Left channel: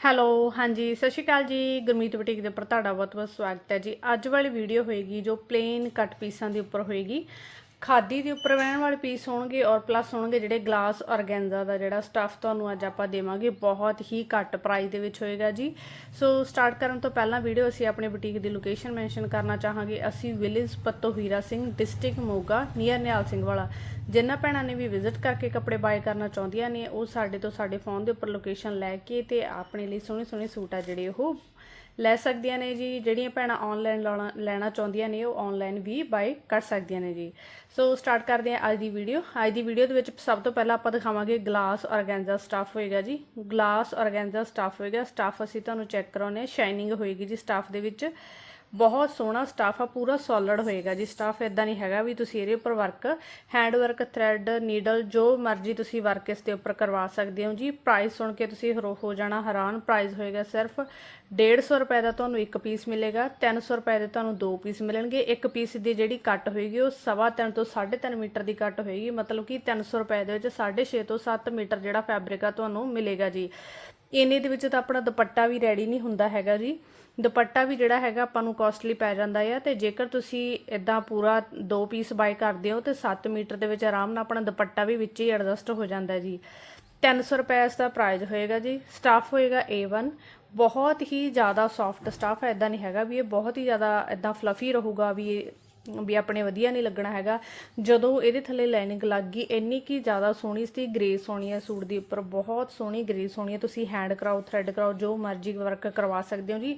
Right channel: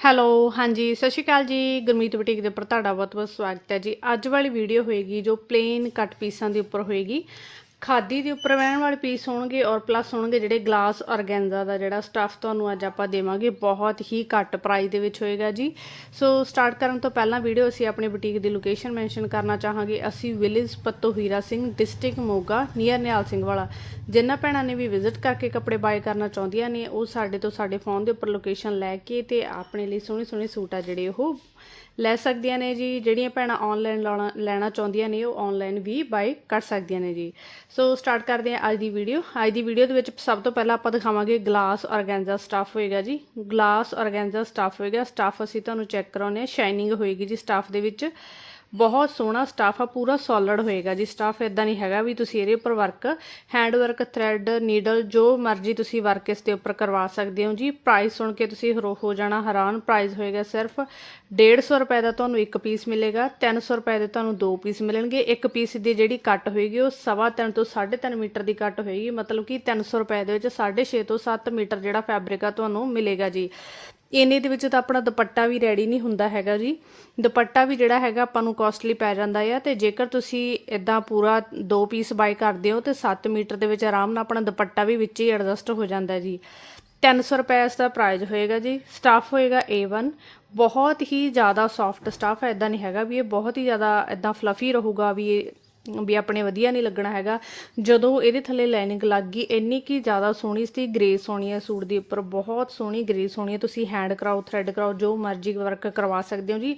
Hello, ਹਾਂਜੀ, ਸਤਿ ਸ਼੍ਰੀ ਅਕਾਲ ਜੀ। ਗੁਰਮੀਤ ਬੁਟੀਕ ਦੇ ਉੱਪਰ ਤੁਹਾਡਾ ਬਹੁਤ-ਬਹੁਤ ਸਵਾਗਤ ਹੈ ਜੀ। ਅੱਜ ਵਾਲੀ ਵੀਡੀਓ ਹੋਏਗੀ ਜੋ ਪਲੇਨ ਕੱਟ ਪੀਸਾਂ ਦੇ ਉੱਪਰ ਹੋਏਗੀ। ਖਾਦੀ ਦੇ ਉੱਪਰ ਵਹਿਣ ਵਾਲੇ ਪੀਸ ਹੋਣਗੇ ਔਰ ਪਲੱਸ ਹੋਣਗੇ ਜਿਹੜੇ ਗਲਾਸ ਔਰਗੈਂਜ਼ਾ ਦਾ ਜਿਹੜਾ ਸਟੱਫ ਤੁਹਾਨੂੰ ਅੱਜ ਆਪਾਂ ਦੇਵਾਂਗੇ, ਬਹੁਤ ਹੀ ਘੱਟ ਪ੍ਰਾਈਸ ਦੇ ਵਿੱਚ ਹੋਏਗਾ ਜੀ। ਸੋ ਸਟਾਰਟ ਕਰਨ ਤੋਂ ਪਹਿਲਾਂ ਵੀਡੀਓ ਅਸੀਂ ਆਪਣੀ ਬੁਟੀਕ ਦੀ ਲੋਕੇਸ਼ਨ ਮੈਂਸ਼ਨ ਕਰਨਾ ਚਾਹਾਂਗੇ। ਅਸੀਂ village Patto Hira Singh district Moga near Nihal Singh Wala. ਜਿਨ੍ਹਾਂ ਭੈਣਾਂ ਨੇ ਵੀ ਵਿਜ਼ਿਟ ਕਰਕੇ ਕੱਪੜੇ ਬਾਏ ਕਰਨਾ ਚਾਹੁੰਦੀਆਂ ਨੇ, ਉਹ ਸਾਡੇ ਤੋਂ ਸਾਡੇ ਫੋਨ ਦੇ ਉੱਪਰ ਲੋਕੇਸ਼ਨ ਲੈ ਕੇ ਤੇ ਆਪਣੇ ਲਈ ਸੋਹਣੇ ਸੋਹਣੇ ਸੂਟ ਆ ਜਿਹੜੇ ਉਹ ਲੈ ਸਕਦੀਆਂ ਨੇ ਜੀ, ਜਿਹੜੀਆਂ ਭੈਣਾਂ ਆਨਲਾਈਨ ਲੈਣਾ ਚਾਹੁੰਦੀਆਂ ਨੇ, ਉਹ ਆਨਲਾਈਨ ਵੀ ਬਾਏ ਕਰ ਸਕਦੀਆਂ ਨੇ ਜੀ। ਸੋ ਸਟਾਰਟ ਕਰਦੇ ਹਾਂ ਅੱਜ ਦੀ ਵੀਡੀਓ ਅੱਜ ਦੀ ਵੀਡੀਓ ਦੇ ਵਿੱਚ ਸਭ ਤੋਂ ਪਹਿਲਾਂ ਆਪਾਂ ਦਿਖਾਵਾਂਗੇ ਗਲਾਸ ਔਰਗੈਂਜ਼ਾ ਸਟੱਫ ਹੋਏਗਾ ਜੀ। ਗਲਾਸ ਔਰਗੈਂਜ਼ਾ ਸਟੱਫ ਹੋਏਗਾ। ਸਟੱਫ ਅਸੀਂ ਤੁਹਾਨੂੰ ਚੈੱਕ ਕਰਾਉਨੇ ਸ਼ਾਈਨਿੰਗ ਹੋਏਗੀ ਜੀ ਸਟੱਫ ਦੇ ਵਿੱਚ। ਬਹੁਤ ਸੋਹਣਾ ਸਟਾਫ ਆ, ਪੂਰਾ ਸੋਲਿਡ ਹੋਏਗਾ ਜੀ। ਸਟਾਫ ਇਦਾਂ ਨਹੀਂ ਹੈਗਾ ਵੀ ਤੁਸੀਂ ਇਹਦੇ ਉੱਪਰ work hand work thread needle ਜੋ ਮਰਜ਼ੀ ਤੁਸੀਂ ਵਰਕ ਇਸ ਦੇ ਉੱਪਰ ਕਰਵਾ ਸਕਦੇ ਹੋ ਜੀ। ਪ੍ਰਾਈਸ ਸੁਣ ਕੇ ਤੁਸੀਂ ਹਰੋ ਹੋ ਜਾਣਾ ਹੈਰਾਨ। ਪ੍ਰਾਈਸ ਹੋਏਗਾ ਸਿਰਫ 150 ਰੁਪਏ ਦਾ ਤੁਹਾਨੂੰ ਇੱਕ ਪੀਸ ਮਿਲੇਗਾ 300 ਰੁਪਏ ਦੇ ਤੁਹਾਨੂੰ ਦੋ ਪੀਸ ਮਿਲਣਗੇ। ਇੱਕ ਪੀਸ ਦੀ ਜਿਹੜੀ ਕੱਟ ਹੋਏਗੀ, ਉਹ ਸਵਾ ਤਿੰਨ ਤੋਂ 3.5 ਮੀਟਰ ਦੀ ਕੱਟ ਹੋਏਗੀ। ਮਤਲਬ ਕਿ 300 ਰੁਪਏ ਦੇ ਵਿੱਚ 6.5 ਤੋਂ 7 ਮੀਟਰ ਜਿਹੜਾ ਫੈਬਰਿਕ ਆ, ਤੁਹਾਨੂੰ ਮਿਲੇਗਾ ਜੀ। ਇਹਨੇ ਦੇ ਵਿੱਚ ਤਾਂ ਆਪਣਾ ਦੁਪੱਟਾ ਵੀ ਰੈਡੀ ਨਹੀਂ ਹੁੰਦਾ ਹੈਗਾ ਜੀ। ਦੁਪੱਟਾ ਵੀ ਜਿਹੜਾ ਹੈਗਾ ਆਪਾਂ ਨੂੰ ਕਾਸਟਲੀ ਪੈ ਜਾਂਦਾ ਆ ਤੇ ਜੇਕਰ ਤੁਸੀਂ ਇਦਾਂ ਪੂਰਾ ਦੋ ਪੀਸ ਬਾਈ ਕਰਦੇ ਹੋ ਤੇ 7 ਮੀਟਰ ਦੇ ਵਿੱਚ ਆਰਾਮ ਨਾਲ ਆਪਣਾ ਦੁਪੱਟਾ ਵੀ ਵਿੱਚ ਹੀ ਐਡਜਸਟ ਹੋ ਜਾਂਦਾ ਜੀ। 300 ਰੁਪਏ ਇਸ ਦਾ ਪ੍ਰਾਈਸ ਹੋਏਗਾ ਜੀ। ਸਟਾਫ ਹੋਏਗਾ A1 ਬਹੁਤ ਹੀ ਜ਼ਿਆਦਾ ਸੌਫਟ ਸਟਾਫ ਹੈ ਇਦਾਂ ਨਹੀਂ ਹੈਗਾ ਵੀ ਇਹ ਬਹੁਤ ਹੀ ਜ਼ਿਆਦਾ ਇਦਾਂ ਫਲਫੀ ਰਹੂਗਾ ਵੀ ਇਹ ਵੀ ਆਪਣੇ ਵਧੀਆ ਨਹੀਂ ਲੱਗਣਾ ਹੈਗਾ। ਜਦੋਂ ਇਹਦੇ ਥੱਲੇ ਲਾਈਨਿੰਗ ਲੱਗ ਗਈ, ਇੰਨੀ ਕੀ ਜ਼ਿਆਦਾ ਸੋਹਣੀ ਸੀ ਗ੍ਰੇਸ ਸੋਹਣੀ ਹੈ ਸੂਟ ਦੇ ਉੱਪਰ, ਬਹੁਤ ਸੋਹਣੀ ਗ੍ਰੇਸ ਸੋਹਣੀ ਹੈ। ਤੁਸੀਂ ਹੈਂਡ ਕਰਾਓ ਥ੍ਰੈਡ ਕਰਾਓ, ਜੋ ਮਰਜ਼ੀ ਵਰਕ ਕਰਵਾ ਸਕਦੇ ਹੋ ਜੀ।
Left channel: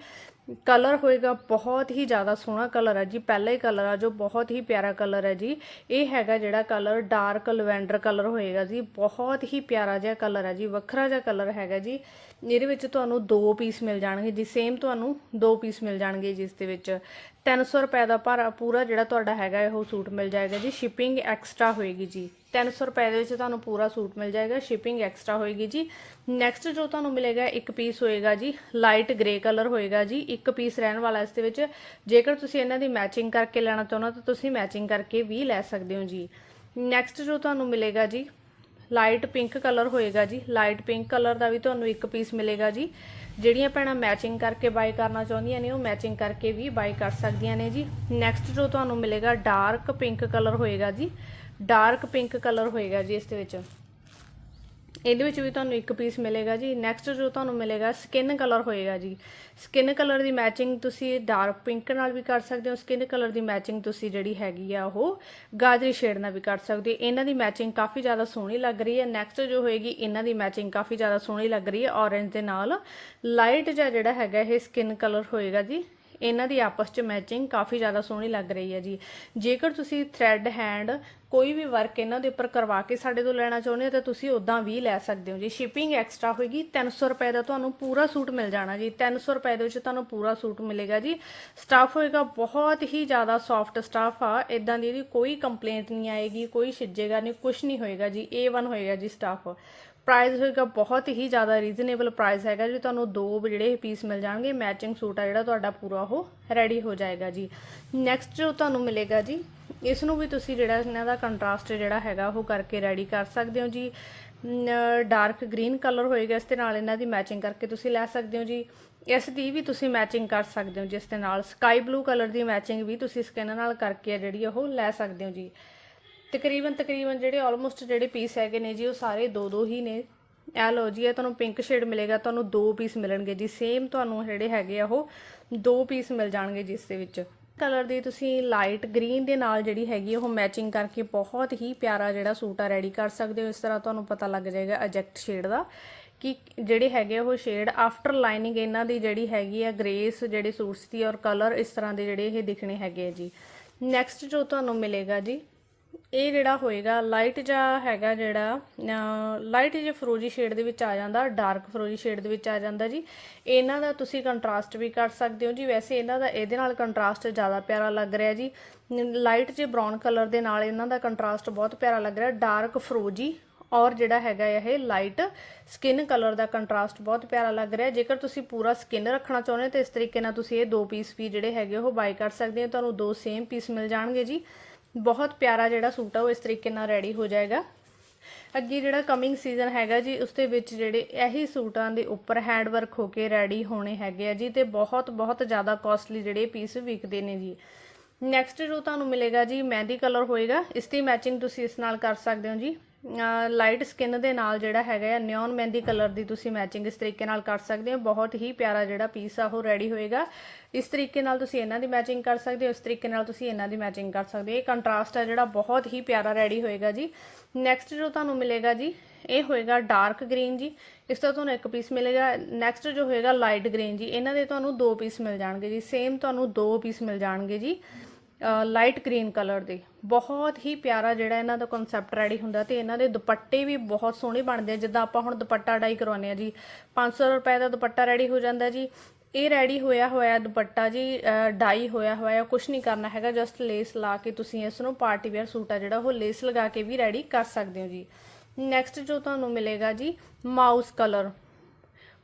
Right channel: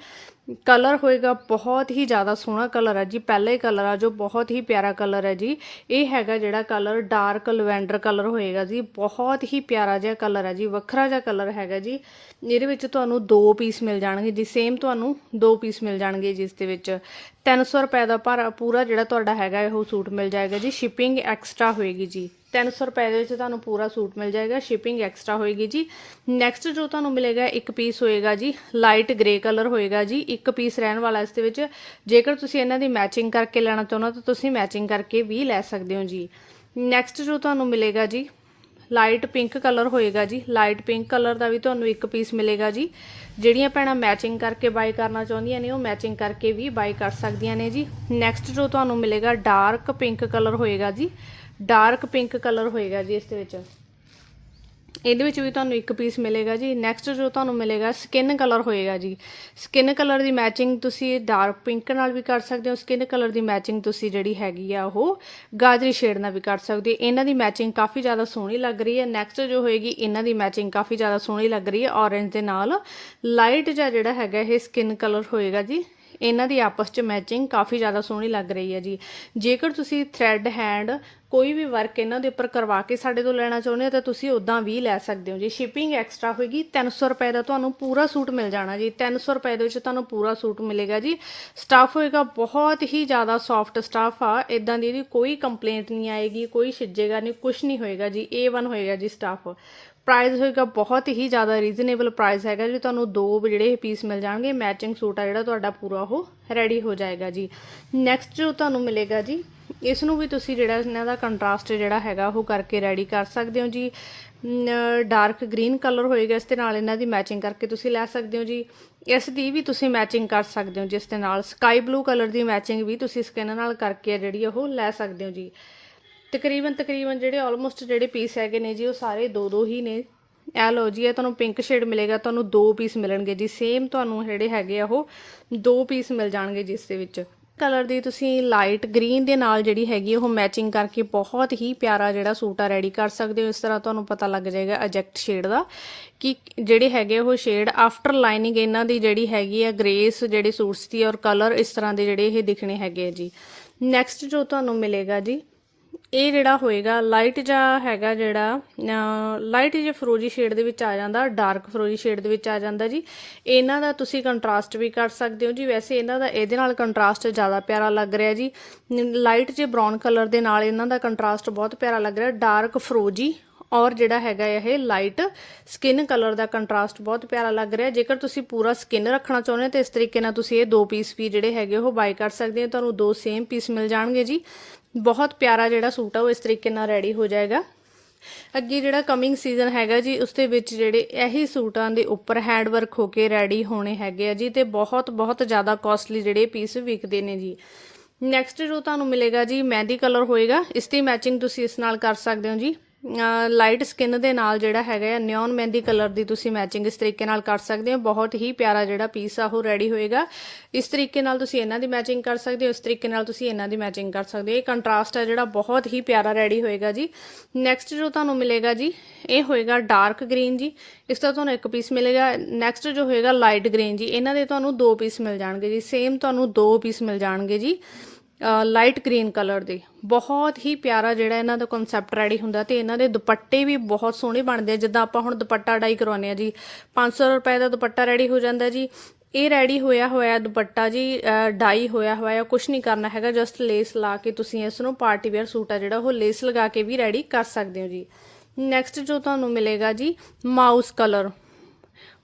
ਕਲਰ ਹੋਏਗਾ, ਬਹੁਤ ਹੀ ਜ਼ਿਆਦਾ ਸੋਹਣਾ ਕਲਰ ਹੈ ਜੀ, ਪਹਿਲਾ ਹੀ ਕਲਰ ਆ ਜੋ, ਬਹੁਤ ਹੀ ਪਿਆਰਾ ਕਲਰ ਹੈ ਜੀ। ਇਹ ਹੈਗਾ ਜਿਹੜਾ ਕਲਰ ਡਾਰਕ ਲਵੈਂਡਰ ਕਲਰ ਹੋਏਗਾ ਜੀ, ਬਹੁਤ ਹੀ ਪਿਆਰਾ ਜਿਹਾ ਕਲਰ ਹੈ ਜੀ, ਵੱਖਰਾ ਜਿਹਾ ਕਲਰ ਹੈਗਾ ਜੀ। ਇਹਦੇ ਵਿੱਚ ਤੁਹਾਨੂੰ ਦੋ ਪੀਸ ਮਿਲ ਜਾਣਗੇ ਜੀ ਸੇਮ ਤੁਹਾਨੂੰ ਦੋ ਪੀਸ ਮਿਲ ਜਾਣਗੇ ਜਿਸ ਦੇ ਵਿੱਚ। 300 ਰੁਪਏ ਦਾ ਪਰ ਪੂਰਾ ਜਿਹੜਾ ਤੁਹਾਡਾ ਹੈਗਾ ਉਹ ਸੂਟ ਮਿਲ ਜਾਏਗਾ ਜੀ ਸ਼ਿਪਿੰਗ ਐਕਸਟਰਾ ਹੋਏਗੀ ਜੀ। 300 ਰੁਪਏ ਦੇ ਵਿੱਚ ਤੁਹਾਨੂੰ ਪੂਰਾ ਸੂਟ ਮਿਲ ਜਾਏਗਾ ਸ਼ਿਪਿੰਗ ਐਕਸਟਰਾ ਹੋਏਗੀ ਜੀ। ਨੈਕਸਟ ਜੋ ਤੁਹਾਨੂੰ ਮਿਲੇਗਾ, ਇੱਕ ਪੀਸ ਹੋਏਗਾ ਜੀ ਲਾਈਟ ਗ੍ਰੇ ਕਲਰ ਹੋਏਗਾ ਜੀ। ਇੱਕ ਪੀਸ ਰਹਿਣ ਵਾਲਾ ਇਸ ਦੇ ਵਿੱਚ। ਜੇਕਰ ਤੁਸੀਂ ਇਹਨਾਂ ਦੀ ਮੈਚਿੰਗ ਕਰਕੇ ਲੈਣਾ ਚਾਹੁੰਦੇ ਹੋ, ਤਾਂ ਤੁਸੀਂ ਮੈਚਿੰਗ ਕਰਕੇ ਵੀ ਲੈ ਸਕਦੇ ਹੋ ਜੀ। ਨੈਕਸਟ ਜੋ ਤੁਹਾਨੂੰ ਮਿਲੇਗਾ ਜੀ ਲਾਈਟ ਪਿੰਕ ਕਲਰ ਹੋਏਗਾ ਜੀ। ਲਾਈਟ ਪਿੰਕ ਕਲਰ ਦਾ ਵੀ ਤੁਹਾਨੂੰ ਇੱਕ ਪੀਸ ਮਿਲੇਗਾ ਜੀ। ਜਿਹੜੀਆਂ ਭੈਣਾਂ ਮੈਚਿੰਗ ਕਰਕੇ ਬਾਈ ਕਰਨਾ ਚਾਹੁੰਦੀਆਂ ਨੇ, ਉਹ ਮੈਚਿੰਗ ਕਰਕੇ ਵੀ ਬਾਈ ਕਰ ਸਕਦੀਆਂ ਨੇ ਜੀ। ਨੈਕਸਟ ਜੋ ਤੁਹਾਨੂੰ ਮਿਲੇਗਾ ਡਾਰਕ ਪਿੰਕ ਕਲਰ ਹੋਏਗਾ ਜੀ। ਡਾਰਕ ਪਿੰਕ ਕਲਰ ਹੋਏਗਾ ਜੀ ਇਸ ਦੇ ਵਿੱਚ। ਇਹਦੇ ਵਿੱਚ ਵੀ ਤੁਹਾਨੂੰ ਇੱਕ ਪੀਸ ਮਿਲੇਗਾ ਜੀ। ਨੈਕਸਟ ਜੋ ਤੁਹਾਨੂੰ ਮਿਲੇਗਾ ਸਕਿਨ ਕਲਰ ਹੋਏਗਾ ਜੀ। ਸਕਿਨ ਕਲਰ ਦੀ ਮੈਚਿੰਗ ਤੁਸੀਂ ਡਾਰਕ ਪਿੰਕ ਨਾਲ ਵੀ ਕਰ ਸਕਦੇ ਹੋ। ਸਕਿਨ ਕਲਰ ਦੀ ਮੈਚਿੰਗ ਤੁਸੀਂ ਜਿਹੜੀ ਹੈਗੀ ਆ ਉਹ ਗਾਜਰੀ ਸ਼ੇਡ ਨਾਲ ਵੀ ਕਰ ਸਕਦੇ ਹੋ। ਇਹਨਾਂ ਦੀ ਮੈਚਿੰਗ ਕਾਫੀ ਜ਼ਿਆਦਾ ਸੋਹਣੀ ਲੱਗ ਰਹੀ ਹੈ। ਨੈਕਸਟ ਜੋ ਹੋਏਗੀ, ਇਹਨਾਂ ਦੀ ਮੈਚਿੰਗ ਕਾਫੀ ਜ਼ਿਆਦਾ ਸੋਹਣੀ ਲੱਗ ਰਹੀ ਹੈ। ਔਰੇਂਜ ਦੇ ਨਾਲ ਲਾਈਟ ਜਿਹਾ ਜਿਹੜਾ ਹੈਗਾ, ਇਹ ਸਕਿਨ ਕਲਰ ਹੋਏਗਾ ਜੀ। ਇਹਨਾਂ ਦੀ ਆਪਸ 'ਚ ਮੈਚਿੰਗ ਕਾਫੀ ਜ਼ਿਆਦਾ ਸੋਹਣੀ ਲੱਗ ਰਹੀ ਹੈ ਜੀ। ਜੇਕਰ ਤੁਸੀਂ ਥ੍ਰੈਡ ਹੈਂਡ ਕੋਈ ਵੀ ਵਰਕ ਇਹਨਾਂ ਦੇ ਉੱਪਰ ਕਰਵਾ ਕੇ ਸਾਡੇ ਤੋਂ ਲੈਣਾ ਚਾਹੁੰਦੇ ਹੋ, ਤਾਂ ਤੁਸੀਂ ਉਦਾਂ ਵੀ ਲੈ ਸਕਦੇ ਹੋ ਜੀ। ਸ਼ਿਪਿੰਗ ਐਕਸਟਰਾ ਹੋਏਗੀ 300 ਰੁਪਏ ਦਾ ਤੁਹਾਨੂੰ ਪੂਰਾ ਸੂਟ ਮਿਲ ਜਾਣਾ ਜੀ। 300 ਰੁਪਏ ਦੇ ਵਿੱਚ ਤੁਹਾਨੂੰ ਪੂਰਾ ਸੂਟ ਮਿਲੇਗਾ ਜੀ। ਸਟਾਫ ਹੋਏਗਾ, ਬਹੁਤ ਹੀ ਜ਼ਿਆਦਾ ਸੌਫਟ ਸਟਾਫ ਆ। ਇਦਾਂ ਦੀ ਇਹਦੀ ਕੋਈ ਕੰਪਲੇਂਟ ਨਹੀਂ ਆਏਗੀ, ਕੋਈ ਛਿੱਜੇਗਾ ਨਹੀਂ ਕੁਝ ਨਹੀਂ ਹੋਏਗਾ ਜੀ। A1 ਹੋਏਗਾ ਜੀ ਸਟਾਫ ਪ੍ਰਾਈਸ ਹੋਏਗਾ ਬਹੁਤ ਹੀ ਜ਼ਿਆਦਾ ਰੀਜ਼ਨੇਬਲ ਪ੍ਰਾਈਸ ਹੈਗਾ ਜੀ। ਤੁਹਾਨੂੰ ਦੋ ਜਿਹੜੇ ਪੀਸ ਮਿਲ ਜਾਣਗੇ ਮੈਚਿੰਗ ਸੂਟ ਆ ਜਿਹੜਾ ਤੁਹਾਡਾ ਪੂਰਾ ਉਹ ਰੈਡੀ ਹੋ ਜਾਏਗਾ ਜੀ। ਨੈਕਸਟ ਜੋ ਤੁਹਾਨੂੰ ਮਿਲੇਗਾ ਜੀ ਇਸ ਨੂੰ ਵੀ ਤੁਸੀਂ ਜਿਹੜਾ ਇਹਨਾਂ ਦਾ ਕੰਟਰਾਸਟ ਜਿਹੜਾ ਹੈਗਾ ਉਹ ਕਰਕੇ ਰੈਡੀ ਕਰ ਸਕਦੇ ਹੋ ਜੀ। ਡਾਰਕ ਗ੍ਰੀਨ ਕਲਰ ਹੋਏਗਾ, ਇਸ ਦੇ ਨਾਲ ਇਹਨਾਂ ਦੀ ਮੈਚਿੰਗ ਕਰਕੇ ਤੁਸੀਂ ਲੈ ਸਕਦੇ ਹੋ ਜੀ। ਇਸ ਦੀ ਵੀ ਤੁਸੀਂ ਮੈਚਿੰਗ ਕਰ ਸਕਦੇ ਹੋ, ਜਿਸ ਦੇ ਨਾਲ ਸਕਾਈ ਬਲੂ ਕਲਰ ਦੀ ਮੈਚਿੰਗ ਵੀ ਤੁਸੀਂ ਸਕਿਨ ਨਾਲ ਕਰਕੇ ਜਿਹੜੀ ਉਹ ਲੈ ਸਕਦੇ ਹੋ ਜੀ। ਤਕਰੀਬਨ ਤਕਰੀਬਨ ਜਿਹੜੇ ਆਲਮੋਸਟ ਜਿਹੜੇ ਪੀਸ ਹੈਗੇ ਨੇ ਜੀ, ਉਹ ਸਾਰੇ ਦੋ ਦੋ ਹੀ ਨੇ। ਇਹ ਲੋ ਜੀ, ਇਹ ਤੁਹਾਨੂੰ ਪਿੰਕ ਸ਼ੇਡ ਮਿਲੇਗਾ, ਤੁਹਾਨੂੰ ਦੋ ਪੀਸ ਮਿਲਣਗੇ ਜੀ। ਸੇਮ ਤੁਹਾਨੂੰ ਜਿਹੜੇ ਹੈਗੇ ਆ, ਉਹ ਦੋ ਪੀਸ ਮਿਲ ਜਾਣਗੇ ਜਿਸ ਦੇ ਵਿੱਚ। ਕਲਰ ਦੀ ਤੁਸੀਂ ਲਾਈਟ ਗ੍ਰੀਨ ਦੇ ਨਾਲ ਜਿਹੜੀ ਹੈਗੀ ਉਹ ਮੈਚਿੰਗ ਕਰਕੇ ਬਹੁਤ ਹੀ ਪਿਆਰਾ ਜਿਹੜਾ ਸੂਟ ਆ ਰੈਡੀ ਕਰ ਸਕਦੇ ਹੋ। ਇਸ ਤਰ੍ਹਾਂ ਤੁਹਾਨੂੰ ਪਤਾ ਲੱਗ ਜਾਏਗਾ ਅਜੈਕਟ ਸ਼ੇਡ ਦਾ ਕਿ ਜਿਹੜੇ ਹੈਗੇ ਉਹ ਸ਼ੇਡ ਆਫਟਰ ਲਾਈਨਿੰਗ ਇਹਨਾਂ ਦੀ ਜਿਹੜੀ ਹੈਗੀ ਆ ਗ੍ਰੇਸ ਜਿਹੜੇ ਸੂਟਸ ਦੀ ਔਰ ਕਲਰ ਇਸ ਤਰ੍ਹਾਂ ਦੇ ਜਿਹੜੇ ਇਹ ਦਿਖਣੇ ਹੈਗੇ ਆ ਜੀ। ਨੈਕਸਟ ਜੋ ਤੁਹਾਨੂੰ ਮਿਲੇਗਾ ਜੀ ਇਹ ਜਿਹੜਾ ਹੋਏਗਾ ਲਾਈਟ ਜਾਂ ਹੈਗਾ ਜਿਹੜਾ ਲਾਈਟ ਜਿਹਾ ਫਰੋਜੀ ਸ਼ੇਡ ਦੇ ਵਿੱਚ ਆ ਜਾਂਦਾ ਡਾਰਕ ਫਰੋਜੀ ਸ਼ੇਡ ਦੇ ਵਿੱਚ ਆ ਜਾਂਦਾ ਜੀ, ਇਹਨਾਂ ਦਾ ਤੁਸੀਂ ਕੰਟਰਾਸਟ ਵੀ ਕਰ ਸਕਦੇ ਹੋ ਜੀ। ਵੈਸੇ ਇਹਨਾਂ ਦਾ ਇਹਦੇ ਨਾਲ ਕੰਟਰਾਸਟ ਜ਼ਿਆਦਾ ਪਿਆਰਾ ਲੱਗ ਰਿਹਾ ਜੀ। ਲਾਈਟ ਜੇ ਬ੍ਰਾਊਨ ਕਲਰ ਦੇ ਨਾਲ ਇਹਨਾਂ ਦਾ ਕੰਟਰਾਸਟ ਬਹੁਤ ਪਿਆਰਾ ਲੱਗ ਰਿਹਾ। ਡਾਰਕ ਫਰੋਜੀ ਔਰ ਜਿਹੜਾ ਹੈਗਾ ਇਹ ਲਾਈਟ ਸਕਿਨ ਕਲਰ ਦਾ ਕੰਟਰਾਸਟ ਬਹੁਤ ਪਿਆਰਾ ਲੱਗ ਰਿਹਾ। ਜੇਕਰ ਤੁਸੀਂ ਪੂਰਾ ਸਕਿਨ ਰੱਖਣਾ ਚਾਹੁੰਦੇ ਹੋ, ਤਾਂ ਇਸ ਤਰੀਕੇ ਨਾਲ ਤੁਸੀਂ ਇਹ ਦੋ ਪੀਸ ਵੀ ਜਿਹੜੇ ਹੈਗੇ ਉਹ ਬਾਈ ਕਰ ਸਕਦੇ ਹੋ। ਤੁਹਾਨੂੰ ਦੋ ਸੇਮ ਪੀਸ ਮਿਲ ਜਾਣਗੇ ਜੀ। ਬਹੁਤ ਪਿਆਰਾ ਜਿਹੜਾ ਸੂਟ ਆ, ਉਹ ਇਸ ਤਰੀਕੇ ਨਾਲ ਰੈਡੀ ਹੋ ਜਾਏਗਾ। ਅੱਗੇ ਜਿਹੜਾ ਕਮਿੰਗ ਸੀਜ਼ਨ ਹੈਗਾ ਜੀ, ਉਸ ਦੇ ਵਿੱਚ ਜਿਹੜੇ ਇਹੀ ਸੂਟਾਂ ਦੇ ਉੱਪਰ ਹੈਂਡ ਵਰਕ ਹੋ ਕੇ ਰੈਡੀ ਹੋਣੇ ਹੈਗੇ ਆ ਜੀ, ਤੇ ਬਹੁਤ ਬਹੁਤ ਜ਼ਿਆਦਾ ਕਾਸਟਲੀ ਜਿਹੜੇ ਪੀਸ ਵਿਕਦੇ ਨੇ ਜੀ। ਨੈਕਸਟ ਜੋ ਤੁਹਾਨੂੰ ਮਿਲੇਗਾ ਜੀ, ਮਹਿੰਦੀ ਕਲਰ ਹੋਏਗਾ, ਇਸ ਦੀ ਮੈਚਿੰਗ ਤੁਸੀਂ ਇਸ ਨਾਲ ਕਰ ਸਕਦੇ ਹੋ ਜੀ। ਲਾਈਟ ਸਕਿਨ ਦੇ ਨਾਲ ਜਿਹੜਾ ਹੈਗਾ ਹੈ ਨਿਓਨ ਮਹਿੰਦੀ ਕਲਰ ਦੀ ਤੁਸੀਂ ਮੈਚਿੰਗ ਇਸ ਤਰੀਕੇ ਨਾਲ ਕਰ ਸਕਦੇ ਹੋ। ਬਹੁਤ ਹੀ ਪਿਆਰਾ ਜਿਹੜਾ ਪੀਸ ਆ, ਉਹ ਰੈਡੀ ਹੋਏਗਾ। ਇਸ ਤਰੀਕੇ ਨਾਲ ਤੁਸੀਂ ਇਹਨਾਂ ਦੀ ਮੈਚਿੰਗ ਕਰ ਸਕਦੇ ਹੋ, ਇਸ ਤਰੀਕੇ ਨਾਲ ਤੁਸੀਂ ਇਹਨਾਂ ਦੀ ਮੈਚਿੰਗ ਕਰ ਸਕਦੇ ਹੋ। ਇਹ ਕੰਟਰਾਸਟ ਆ ਜਿਹੜਾ ਬਹੁਤ ਹੀ ਪਿਆਰਾ ਰੈਡੀ ਹੋਏਗਾ ਜੀ। ਨੈਕਸਟ ਜੋ ਤੁਹਾਨੂੰ ਮਿਲੇਗਾ ਜੀ, ਇਹ ਹੋਏਗਾ ਡਾਰਕ ਗ੍ਰੀਨ ਜੀ। ਇਸ ਦਾ ਤੁਹਾਨੂੰ ਇੱਕ ਪੀਸ ਮਿਲੇਗਾ। ਨੈਕਸਟ ਜੋ ਹੋਏਗਾ ਲਾਈਟ ਗ੍ਰੀਨ ਜੀ। ਇਹਨਾਂ ਦੇ ਤੁਹਾਨੂੰ ਦੋ ਪੀਸ ਮਿਲ ਜਾਣਗੇ ਜੀ। ਸੇਮ ਤੁਹਾਨੂੰ ਦੋ ਪੀਸ ਮਿਲ ਜਾਣਗੇ ਜੀ ਲਾਈਟ ਗ੍ਰੀਨ ਕਲਰ ਦੇ। ਬਹੁਤ ਹੀ ਪਿਆਰਾ ਜਿਹੜਾ ਇਹਨਾਂ ਦਾ ਕਨਸੈਪਟ ਰੈਡੀ ਹੁੰਦਾ ਤੇ ਇਹਨਾਂ ਦੇ ਦੁਪੱਟੇ ਵੀ ਬਹੁਤ ਸੋਹਣੇ ਬਣਦੇ ਆ। ਜਿੱਦਾਂ ਆਪਾਂ ਹੁਣ ਦੁਪੱਟਾ ਡਾਈ ਕਰਵਾਉਂਦੇ ਆ ਜੀ। 500 ਰੁਪਏ ਦਾ ਦੁਪੱਟਾ ਰੈਡੀ ਹੋ ਜਾਂਦਾ ਜੀ। ਇਹ ਰੈਡੀ ਹੋਇਆ ਹੋਇਆ ਦੁਪੱਟਾ ਜੀ ਡਾਈ ਹੋਇਆ ਹੋਇਆ ਕੁਝ ਨਹੀਂ ਕਰਨਾ ਹੈਗਾ। ਜਸਟ ਲੇਸ ਲਾ ਕੇ ਤੁਸੀਂ ਇਸ ਨੂੰ ਪਾਰਟੀ ਵੇਅਰ ਸੂਟ ਆ ਜਿਹੜਾ, ਉਹ ਲੇਸ ਲਗਾ ਕੇ ਵੀ ਰੈਡੀ ਕਰ ਸਕਦੇ ਹੋ ਜੀ। ਨੈਕਸਟ ਜੋ ਤੁਹਾਨੂੰ ਮਿਲੇਗਾ ਜੀ ਮਾਊਸ ਕਲਰ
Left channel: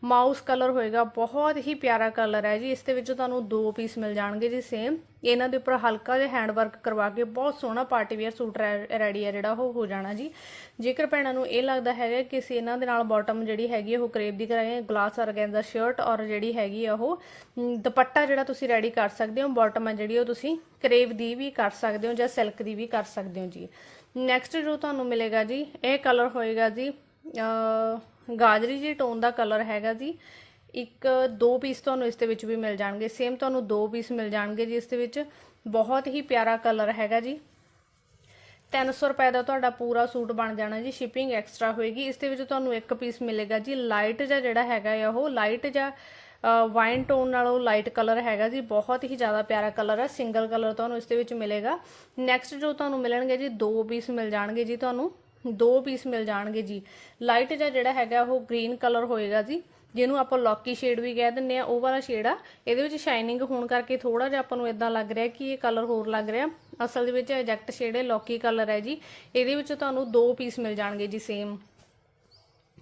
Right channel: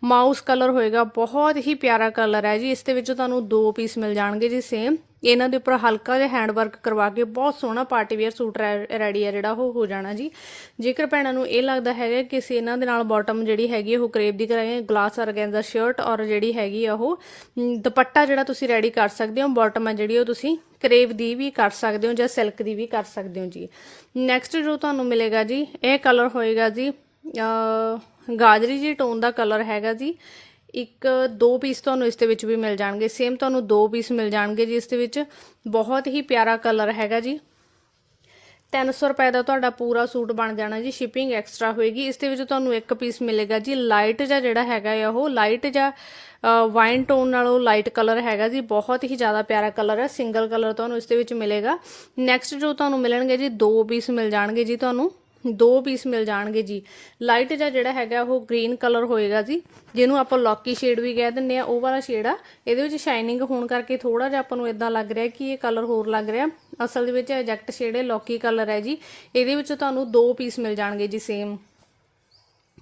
ਮਾਊਸ ਕਲਰ ਹੋਏਗਾ, ਬਹੁਤ ਹੀ ਪਿਆਰਾ ਕਲਰ ਹੈ ਜੀ। ਇਸ ਦੇ ਵਿੱਚ ਤੁਹਾਨੂੰ ਦੋ ਪੀਸ ਮਿਲ ਜਾਣਗੇ ਜੀ ਸੇਮ ਇਹਨਾਂ ਦੇ ਉੱਪਰ ਹਲਕਾ ਜਿਹਾ ਹੈਂਡ ਵਰਕ ਕਰਵਾ ਕੇ ਬਹੁਤ ਸੋਹਣਾ ਪਾਰਟੀ ਵੇਅਰ ਸੂਟ ਰੈਡੀ ਹੈ ਜਿਹੜਾ ਉਹ ਹੋ ਜਾਣਾ ਜੀ। ਜੇਕਰ ਭੈਣਾਂ ਨੂੰ ਇਹ ਲੱਗਦਾ ਹੈਗਾ ਕਿ ਅਸੀਂ ਇਹਨਾਂ ਦੇ ਨਾਲ ਬਾਟਮ ਜਿਹੜੀ ਹੈਗੀ ਉਹ ਕਰੇਪ ਦੀ ਕਰਾਂਗੇ ਗਲਾਸ ਆਰਗੈਂਜ਼ਾ ਸ਼ਰਟ ਔਰ ਜਿਹੜੀ ਹੈਗੀ ਆ ਉਹ ਦੁਪੱਟਾ ਜਿਹੜਾ ਤੁਸੀਂ ਰੈਡੀ ਕਰ ਸਕਦੇ ਹੋ ਬਾਟਮ ਹੈ ਜਿਹੜੀ ਉਹ ਤੁਸੀਂ ਕਰੇਪ ਦੀ ਵੀ ਕਰ ਸਕਦੇ ਹੋ ਜਾਂ ਸਿਲਕ ਦੀ ਵੀ ਕਰ ਸਕਦੇ ਹੋ ਜੀ। ਨੈਕਸਟ ਜੋ ਤੁਹਾਨੂੰ ਮਿਲੇਗਾ ਜੀ, ਇਹ ਕਲਰ ਹੋਏਗਾ ਜੀ ਗਾਜਰੀ ਜੀ ਟੋਨ ਦਾ ਕਲਰ ਹੈਗਾ ਜੀ। ਇੱਕ, ਦੋ ਪੀਸ ਤੁਹਾਨੂੰ ਇਸ ਦੇ ਵਿੱਚ ਵੀ ਮਿਲ ਜਾਣਗੇ। ਸੇਮ ਤੁਹਾਨੂੰ ਦੋ ਪੀਸ ਮਿਲ ਜਾਣਗੇ ਜੀ ਇਸ ਦੇ ਵਿੱਚ। ਬਹੁਤ ਹੀ ਪਿਆਰਾ ਕਲਰ ਹੈਗਾ ਜੀ। 300 ਰੁਪਏ ਦਾ ਤੁਹਾਡਾ ਪੂਰਾ ਸੂਟ ਬਣ ਜਾਣਾ ਜੀ। ਸ਼ਿਪਿੰਗ ਐਕਸਟਰਾ ਹੋਏਗੀ। ਇਸ ਦੇ ਵਿੱਚ ਤੁਹਾਨੂੰ ਇੱਕ ਪੀਸ ਮਿਲੇਗਾ ਜੀ। ਲਾਈਟ ਜਾਂ ਜਿਹੜਾ ਹੈਗਾ ਆ ਉਹ। ਲਾਈਟ ਜਾਂ ਵਾਈਨ ਟੋਨ ਨਾਲੋਂ ਲਾਈਟ ਕਲਰ ਹੈਗਾ ਜੀ। ਬਹੁਤ ਹੀ ਜ਼ਿਆਦਾ ਪਿਆਰਾ ਕਲਰ ਹੈ ਸਿੰਗਲ ਕਲਰ ਤੁਹਾਨੂੰ ਇਸ ਦੇ ਵਿੱਚ ਮਿਲੇਗਾ। ਨੈਕਸਟ ਜੋ ਤੁਹਾਨੂੰ ਮਿਲਣਗੇ ਜੀ, ਦੋ ਪੀਸ ਮਿਲ ਜਾਣਗੇ ਜੀ ਤੁਹਾਨੂੰ। ਦੋ ਪੀਸ ਮਿਲ ਜਾਣਗੇ ਜੀ। ਲਾਈਟ ਜਾਂ ਜਿਹੜਾ ਹੈਗਾ, ਉਹ ਗ੍ਰੀਨ ਕਲਰ ਹੋਏਗਾ ਜੀ। ਜਿਹਨੂੰ ਆਪਾਂ ਲੌਕੀ ਸ਼ੇਡ ਵੀ ਕਹਿ ਦਿੰਦੇ ਆ, ਉਹ ਵਾਲਾ ਸ਼ੇਡ ਆ। ਇਹਦੇ ਵਿੱਚ ਸ਼ਾਈਨਿੰਗ ਹੋਣ ਕਰਕੇ ਥੋੜਾ ਜਿਹਾ ਆਪਾਂ ਨੂੰ ਇਦਾਂ ਲੱਗ ਰਿਹਾ ਕਿ ਇਹ ਕਲਰ ਹੋਰ ਲੱਗ ਰਿਹਾ। ਅਸਲ ਦੇ ਵਿੱਚ ਐਜੈਕਟ ਸ਼ੇਡ ਹੈ ਲੌਕੀ ਕਲਰ ਹੈ ਜੀ। ਇਹਦੇ ਵਿੱਚ ਤੁਹਾਨੂੰ ਦੋ ਪੀਸ ਮਿਲ ਜਾਣਗੇ ਜੀ ਸੇਮ